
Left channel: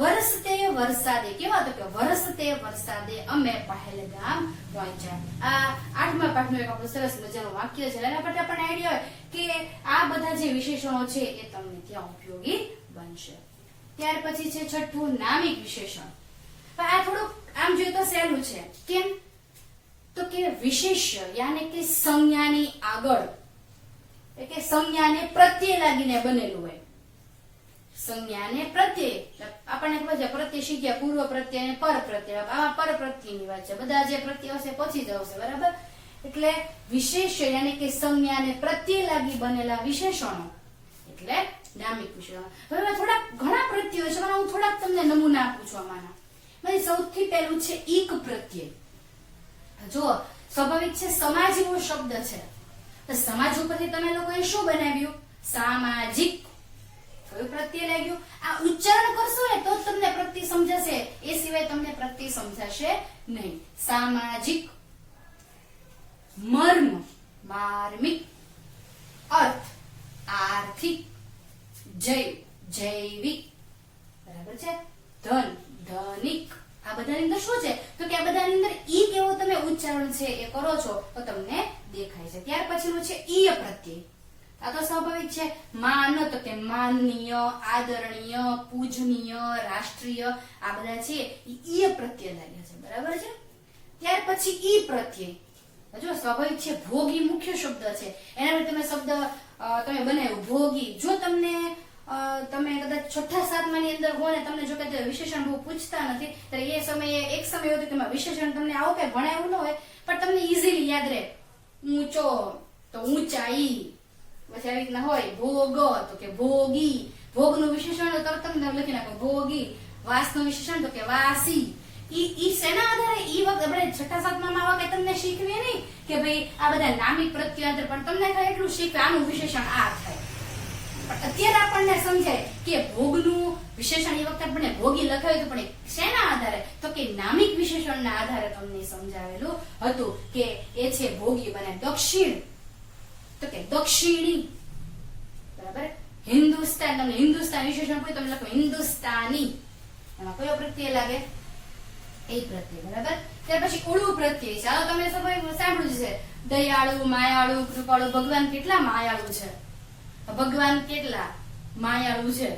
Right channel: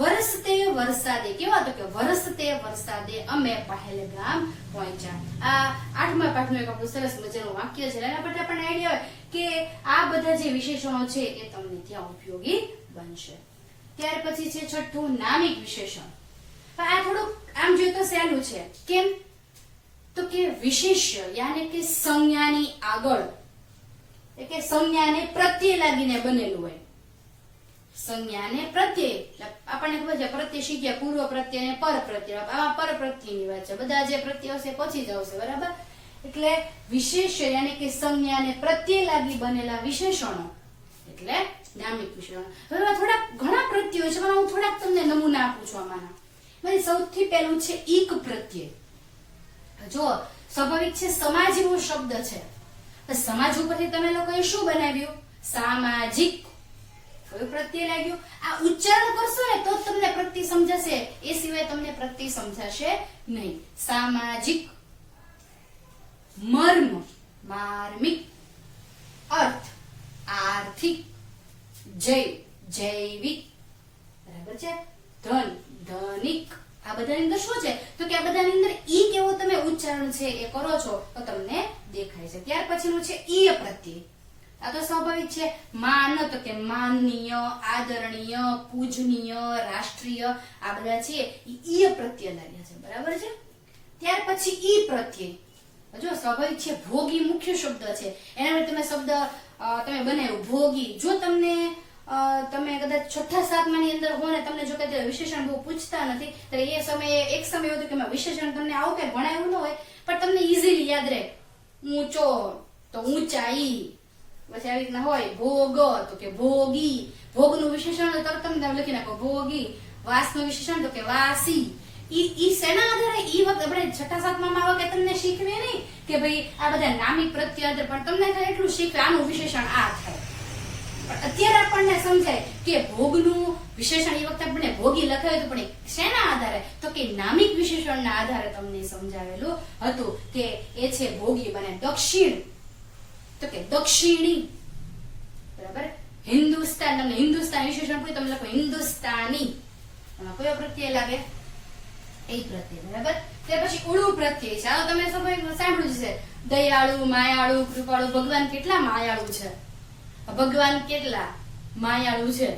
વરસતે વરસાદે કેવા તો કે વરસતે વરસાદે અમે પહેલગામ પહોંચ્યા. આ 8મા પાઠનું એક આપણું સરસ મજાનું વાક્ય છે. એના પરથી આપણને આઈડિયા હોય કે આ બધા જે વિશેષણો છે એ તમને ત્યાં ઉપયોગી બનશે. ત્યાર પછી છે છઠ્ઠું નામિક વિશેષણ. આ થોડુંક આમ જોઈએ તો સહેલું છે. કેમ તો કે વિશેષ્ય યાને કે સંજ્ઞાની આગળ એટલે કે સંજ્ઞાને પ્રત્યય લાગીને બનેલું હોય. સંજ્ઞાને પ્રત્યય આપણને ખબર છે પ્રત્યય શીખ્યા પૂર્વ પ્રત્યય અને પર પ્રત્યય. આમાં પર પ્રત્યયની વાત છે. બધા જે પ્રત્યય હશે પછી જ આવશે, બરાબર. એટલે વિશેષ્ય યાને કે સંજ્ઞાને પ્રત્યય લાગી બનેલા વિશેષણો એટલે નામિક વિશેષણો. હવે થોડાક ઘણા પ્રત્યયો છે, હું થોડાક તમને નમૂના આપું છું આમાંના. સૌથી પહેલું છે ઈક પ્રત્યય. જો સ્વાભાવિક છે સમાજ એવો શબ્દ છે, તો સમાજ ઉપરથી તમે લોકોએ શું બનાવ્યું? સામાજિક. કયું પ્રત્યય લાગ્યું? આ ઉચ્ચારણ કરશો ને તો તમને પ્રત્યય સમજાશે, એ સિવાય તમને પ્રત્યય સમજાશે નહીં. સામાજિક. મર્મ માર્મિક. અર્થ આર્થિક. જૈવિક, બરાબર છે. ધન ધનિક. આ બધાની અંદર શું છે તો કે આ બધાની અંદર ઈ કેવો તમે ઉચ્ચારણ છે એ કરો છો તો તમને દેખાય છે. ત્યાર પછીનું છે ઈય પ્રત્યય. આ તો સ્વાભાવિક છે. માન તો કે માનનીય, આદરણીય, પૂજનીય, રાષ્ટ્રીય, આ બધા છે ઈય પ્રત્યય લાગે છે, બરાબર છે. ત્યાર પછી ઈ પ્રત્યય. જો સ્વાભાવિક છે ભોગી મુખ્ય શબ્દ છે, એના માટે તમે શબ્દ તમે બનાવ્યું ભોગી. જો તમને તમે કદાચ 6ઠા-7મા ની અંદર હોય ને તમને જો કદાચ વિશેષણ બહુ પૂછતા નથી તો એ સમયે એક સમય હતો કે વિશેષણ તમને આવું કઈ ભણાયું ન હોય પણ તમને ઈઝીલી યાદ રહે. ઊંચો તો ઊંચાઈ, પછી આવી રીતના હોય. ભોગ તો કે ભોગી. ભોગનું વિશેષણ તો તમને લખી નાખો ભોગી. વાસનું વિશેષણ તો કે વાસી. ઈ શેના આધારે ઈ વખત આપણે 6ઠા-7મા માં કે તમને શીખવે નહીં કે ભાઈ આ બધા નામિક પ્રત્યય આધારે, પણ તમને એટલું શીખવે આનું વિશેષણ આ થાય. અત્યારે આપણને સમજાય કે ભોગનું વિશેષણ એ વખતે આપણે ભોગી લખાયું હતું, પણ શેના આધારે તો કે નામિક વિશેષણના આધારે તમને સમજાવેલું હતું કે એ છે ભોગી. બને દક્ષિણ તો કે દક્ષિણી, બરાબર. હિન્દુસ્તાન, તમને હિન્દુસ્તાન વિશેષણ પૂછે તમે લખો હિન્દુસ્તાની. એમાં કયો પ્રત્યય લાગે? એ પ્રત્યય, બરાબર. ત્યાર પછી ઉડુ પ્રત્યય. ચાલો તમે સાંભળ્યું છે દયાળુ, માયાળુ, કૃપાળુ. ભગવાન કેટલા માયાળુ છે, ભગવાન કેટલા માયાળુ છે.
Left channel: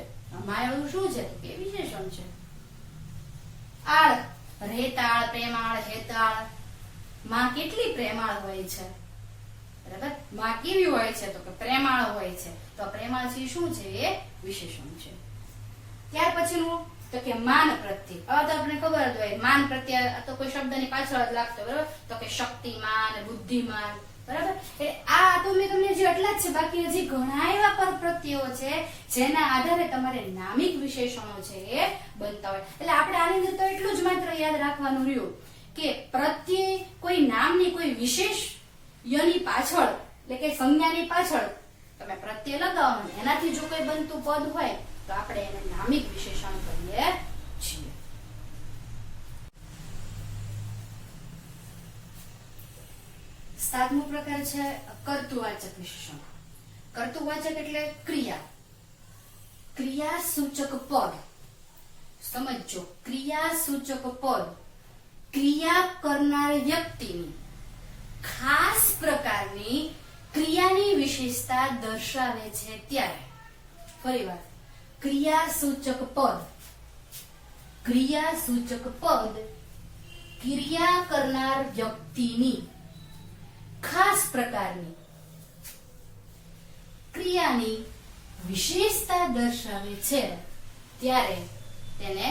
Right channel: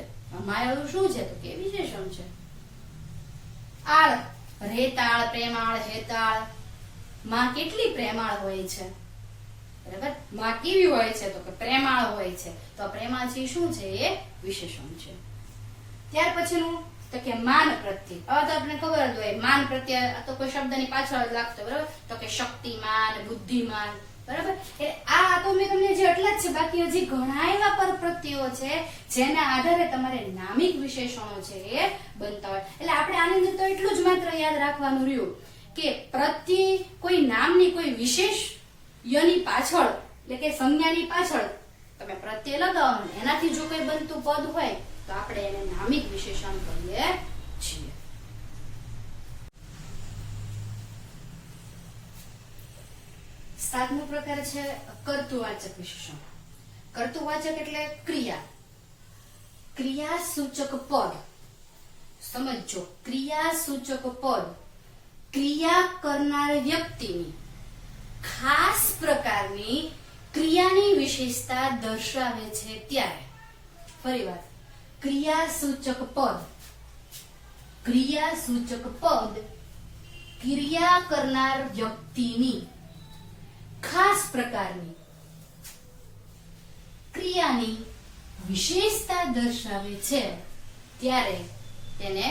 માયાળુ શું છે તો કે વિશેષણ છે. આળ, રેતાળ, પ્રેમાળ, હેતાળ. માં કેટલી પ્રેમાળ હોય છે, બરાબર. માં કેવી હોય છે તો કે પ્રેમાળ હોય છે. તો પ્રેમાળ છે શું છે? એ વિશેષણ છે. ત્યાર પછીનું તો કે માન પ્રત્યય. હવે તો આપણે ખબર જ હોય માન પ્રત્યય તો કોઈ શબ્દની પાછળ જ લાગતો, બરાબર. તો કે શક્તિમાન, બુદ્ધિમાન, બરાબર. એટલે આ તો મેં તમને જે એટલા જ છે, બાકી હજી ઘણા એવા પર પ્રત્યયો છે જેના આધારે તમારે નામિક વિશેષણો છે એ બનતા હોય. એટલે આપણે આની અંદર તો એટલું જ માત્ર યાદ રાખવાનું રહ્યું કે પ્રત્યય કોઈ નામની કોઈ વિશેષ યની પાછળ એટલે કે સંજ્ઞાની પાછળ તમે પ્રત્યય લગાવો, એનાથી જો કોઈ બનતું પદ હોય તો આપણે એને નામિક વિશેષણ કહીએ છીએ. સાતમો પ્રકાર છે કર્તૃવાચક વિશેષણ. કર્તૃવાચક એટલે ક્રિયા. ક્રિયા સૂચક પદ. સમજો, ક્રિયા સૂચક પદ ક્રિયા કરનાર વ્યક્તિની ખાસ પ્રકારની ક્રિયાની વિશેષતા દર્શાવે છે ત્યારે. ફરી વાર, ક્રિયા સૂચક પદ. ક્રિયા સૂચક પદ ક્રિયા કરનાર વ્યક્તિની ખાસ પ્રકારની ક્રિયાની વિશેષતા દર્શાવે છે ત્યારે તેને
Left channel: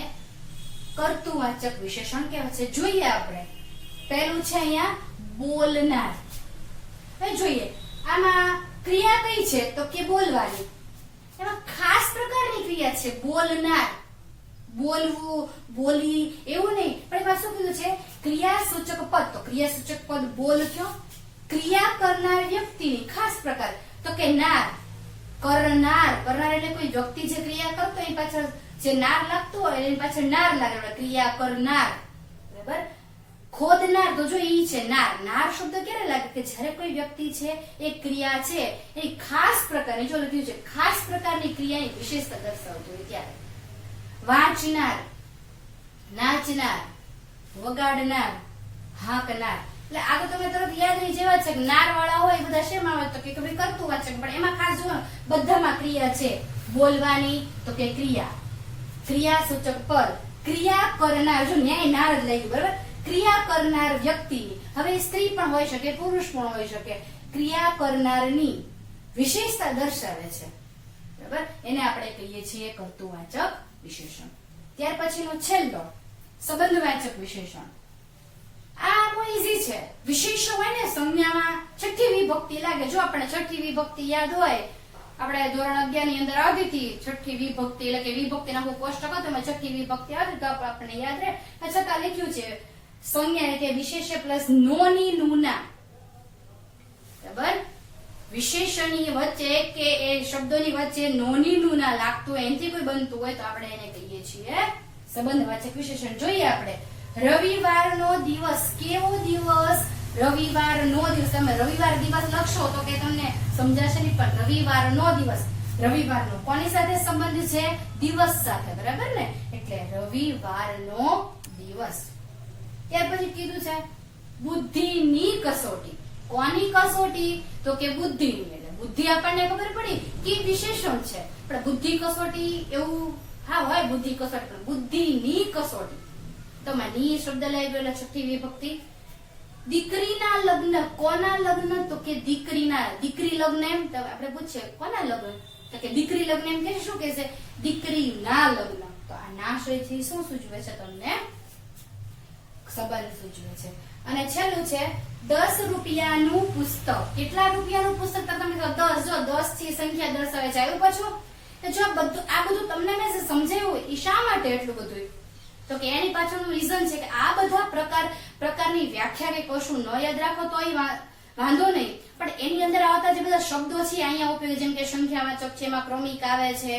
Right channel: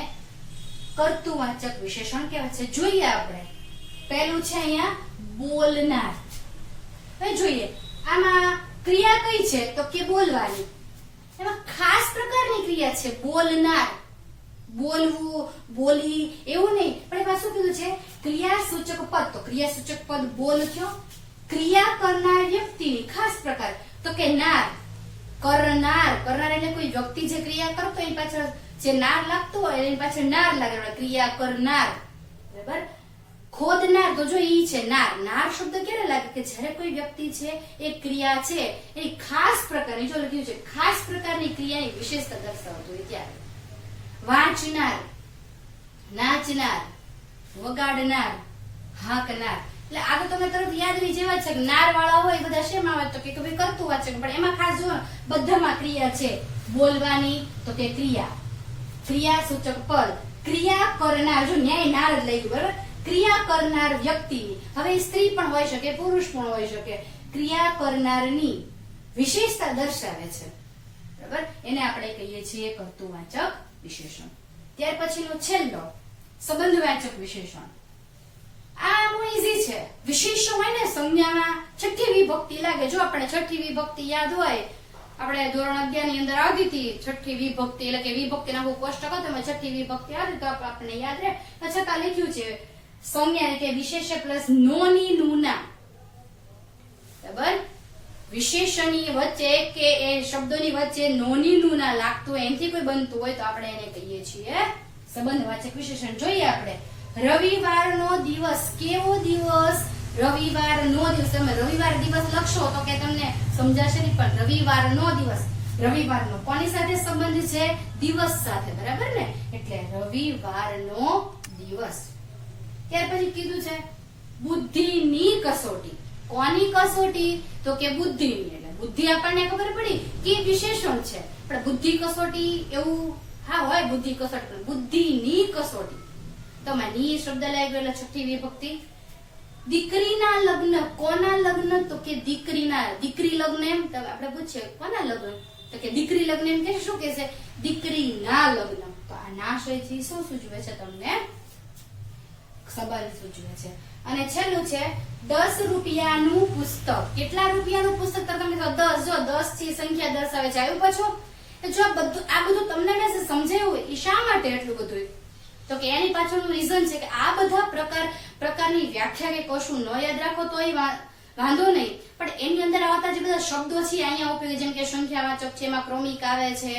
કર્તૃવાચક વિશેષણ કહેવાય છે. જોઈએ આપણે પહેલું છે અહીંયા બોલનાર. હવે જોઈએ આમાં ક્રિયા કઈ છે તો કે બોલવાની. એમાં ખાસ પ્રકારની ક્રિયા છે બોલનાર. બોલવું, બોલી એવું નહીં, પણ એમાં શું કીધું છે ક્રિયાસૂચક પદ. તો ક્રિયાસૂચક પદ બોલ કયો? ક્રિયા કરનાર વ્યક્તિની ખાસ પ્રકાર તો કે નાર. કરનાર, કરનાર એટલે કોઈ વ્યક્તિ જે ક્રિયા કરતો એની પાછળ જે નાર લાગતું હોય એની પાછળ નાર લાગે, ક્રિયા કરનાર. બરાબર. ખોદનાર તો જો ઈ છે નાર. નાર શબ્દ ક્યારે લાગે કે જ્યારે કોઈ વ્યક્તિ છે એ ક્રિયા છે એ ખાસ પ્રકારની, જો લખ્યું છે ખાસ પ્રકારની ક્રિયાની વિશેષતા દર્શાવતું હોય ત્યારે. વાંચનાર, નાચનાર, વગાડનાર, હાંકનાર. એટલે આ તો તમે તરત યાદ રહી જેવા છે કે નાર વાળા હોય એ બધા શેમાં આવે તો કે ભાઈ કરતું વાંચે, પણ એમાં ખાસ જો બધામાં ક્રિયા છે. બોલવાની તો કે ક્રિયા, ક્રિયાસૂચક પદ. ક્રિયા કરનાર, જો ન્યાય નાર જ લઈ ગયું, બરાબર. ક્રિયા કરનાર વ્યક્તિની, હવે સ્ત્રી પણ હોઈ શકે પુરુષ પણ હોઈ શકે, ક્રિયા કરનારની વિશેષતા દર્શાવે છે, બરાબર. એને આપણે કહીએ છીએ કર્તૃવાચક વિશેષણ. ત્યાર પછીનો છેલ્લો સંબંધવાચક વિશેષણ. આ બહુ ઈઝી છે. વિશેષણ હોય ને સંજ્ઞામાં છઠ્ઠી વિભક્તિ લાગે. જો આપણે છઠ્ઠી વિભક્તિ યાદ હોય, આપણે ધોરણ 11 ની અંદર આવતી હતી છઠ્ઠી વિભક્તિ, એટલે કે વિભક્તિના બહુ કોષ્ટક હતો એમાં છઠ્ઠી વિભક્તિ આવતી તો આપણને યાદ રહે. છતાં લખ્યું છે સંજ્ઞા કે વિશેષ્ય પ્લસ નોની નુના, બરાબર. વિશેષણની વચ્ચે કે એ શબ્દોની વચ્ચે નોની નુના લાગતું હોય એનાથી કોઈ બનતું હોય તો આપણે એને કહીએ છીએ સંબંધવાચક વિશેષણ. જોઈએ આપણે રવિવારનો દિવસ. કેવો દિવસ? રવિવારનો દિવસ. તમે રવિવાર દિવસ લખશો તો કે તમને સમજાશે નહીં, પણ રવિવારનો દિવસ, રવિવારનો કોની સાથે સંબંધ છે? દિવસ સાથે, બરાબર ને. એટલે રવિવારનો દિવસ. ત્યાર પછી કીધું છે બુદ્ધિની કસોટી. કોની કસોટી? તો કે બુદ્ધિની. એટલે બુદ્ધિ આપણને ખબર પડી કે વિશેષણ છે, પણ બુદ્ધિ કસોટી એવું હા હોય બુદ્ધિ કસોટી, પણ બુદ્ધિની કસોટી. તો ની શબ્દ લાગી ગયો છઠ્ઠી વિભક્તિ. દીકરીના લગ્ન. કોના લગ્ન? તો કે દીકરીના. દીકરી લગ્ન એમ આપણે પૂછીએ કોના લગ્ન તો કે દીકરી લગ્ન એમ કે શું કે છે? દીકરીના લગ્ન. તો આ ના છે શું સૂચવે છે? તમને સંબંધ સૂચવે છે. અને છેલ્લું છે 10 રૂપિયાનું પુસ્તક. કેટલા રૂપિયાનું પુસ્તક? તો તમે 10. જો 10 થી સંખ્યા દર્શાવે છે. આવ્યું પાછું? જો બધું આ બધું તમને મેં સમજાવ્યું એ શા માટે એટલું બધું? તો કે એની પાછળનું રીઝન છે કે આ બધા પ્રકારની વ્યાખ્યા કે કશું ન યાદ રાખો તો વાંધો નહીં, પણ એની અંદર આવતા જે બધા શબ્દો છે અહીંયા ઉપયોગી, જેમ કે સંખ્યાવાચક છે, એમાં ક્રમિક આવે છે,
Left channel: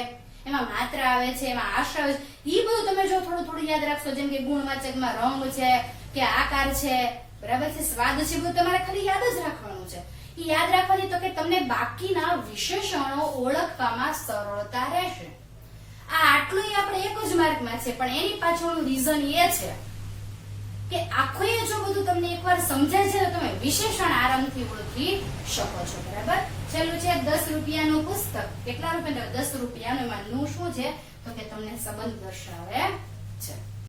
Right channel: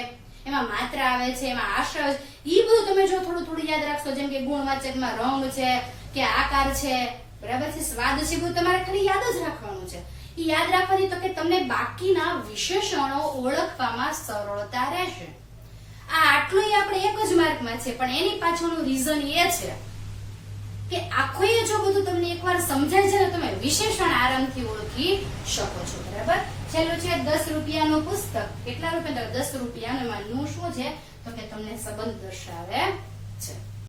એમાં માત્રા આવે છે, એમાં આશ્રય આવે છે, એ બધું તમે જો થોડું થોડું યાદ રાખશો, જેમ કે ગુણવાચકમાં રંગ છે કે આકાર છે, બરાબર છે, સ્વાદ છે, બધું તમારે ખાલી યાદ જ રાખવાનું છે. એ યાદ રાખવાથી તો કે તમને બાકીના વિશેષણો ઓળખવામાં સરળતા રહેશે. આ આટલું આપણે એક જ માર્કમાં છે, પણ એની પાછળનું રીઝન એ છે કે આખું જો બધું તમને એકવાર સમજાય છે તો તમે વિશેષણ આરામથી ઓળખી શકો છો, બરાબર. છેલ્લું છે 10 રૂપિયાનું પુસ્તક. કેટલા રૂપિયા? 10 રૂપિયાનું. એમાં નું શું છે તો કે તમને સંબંધ દર્શાવે છે.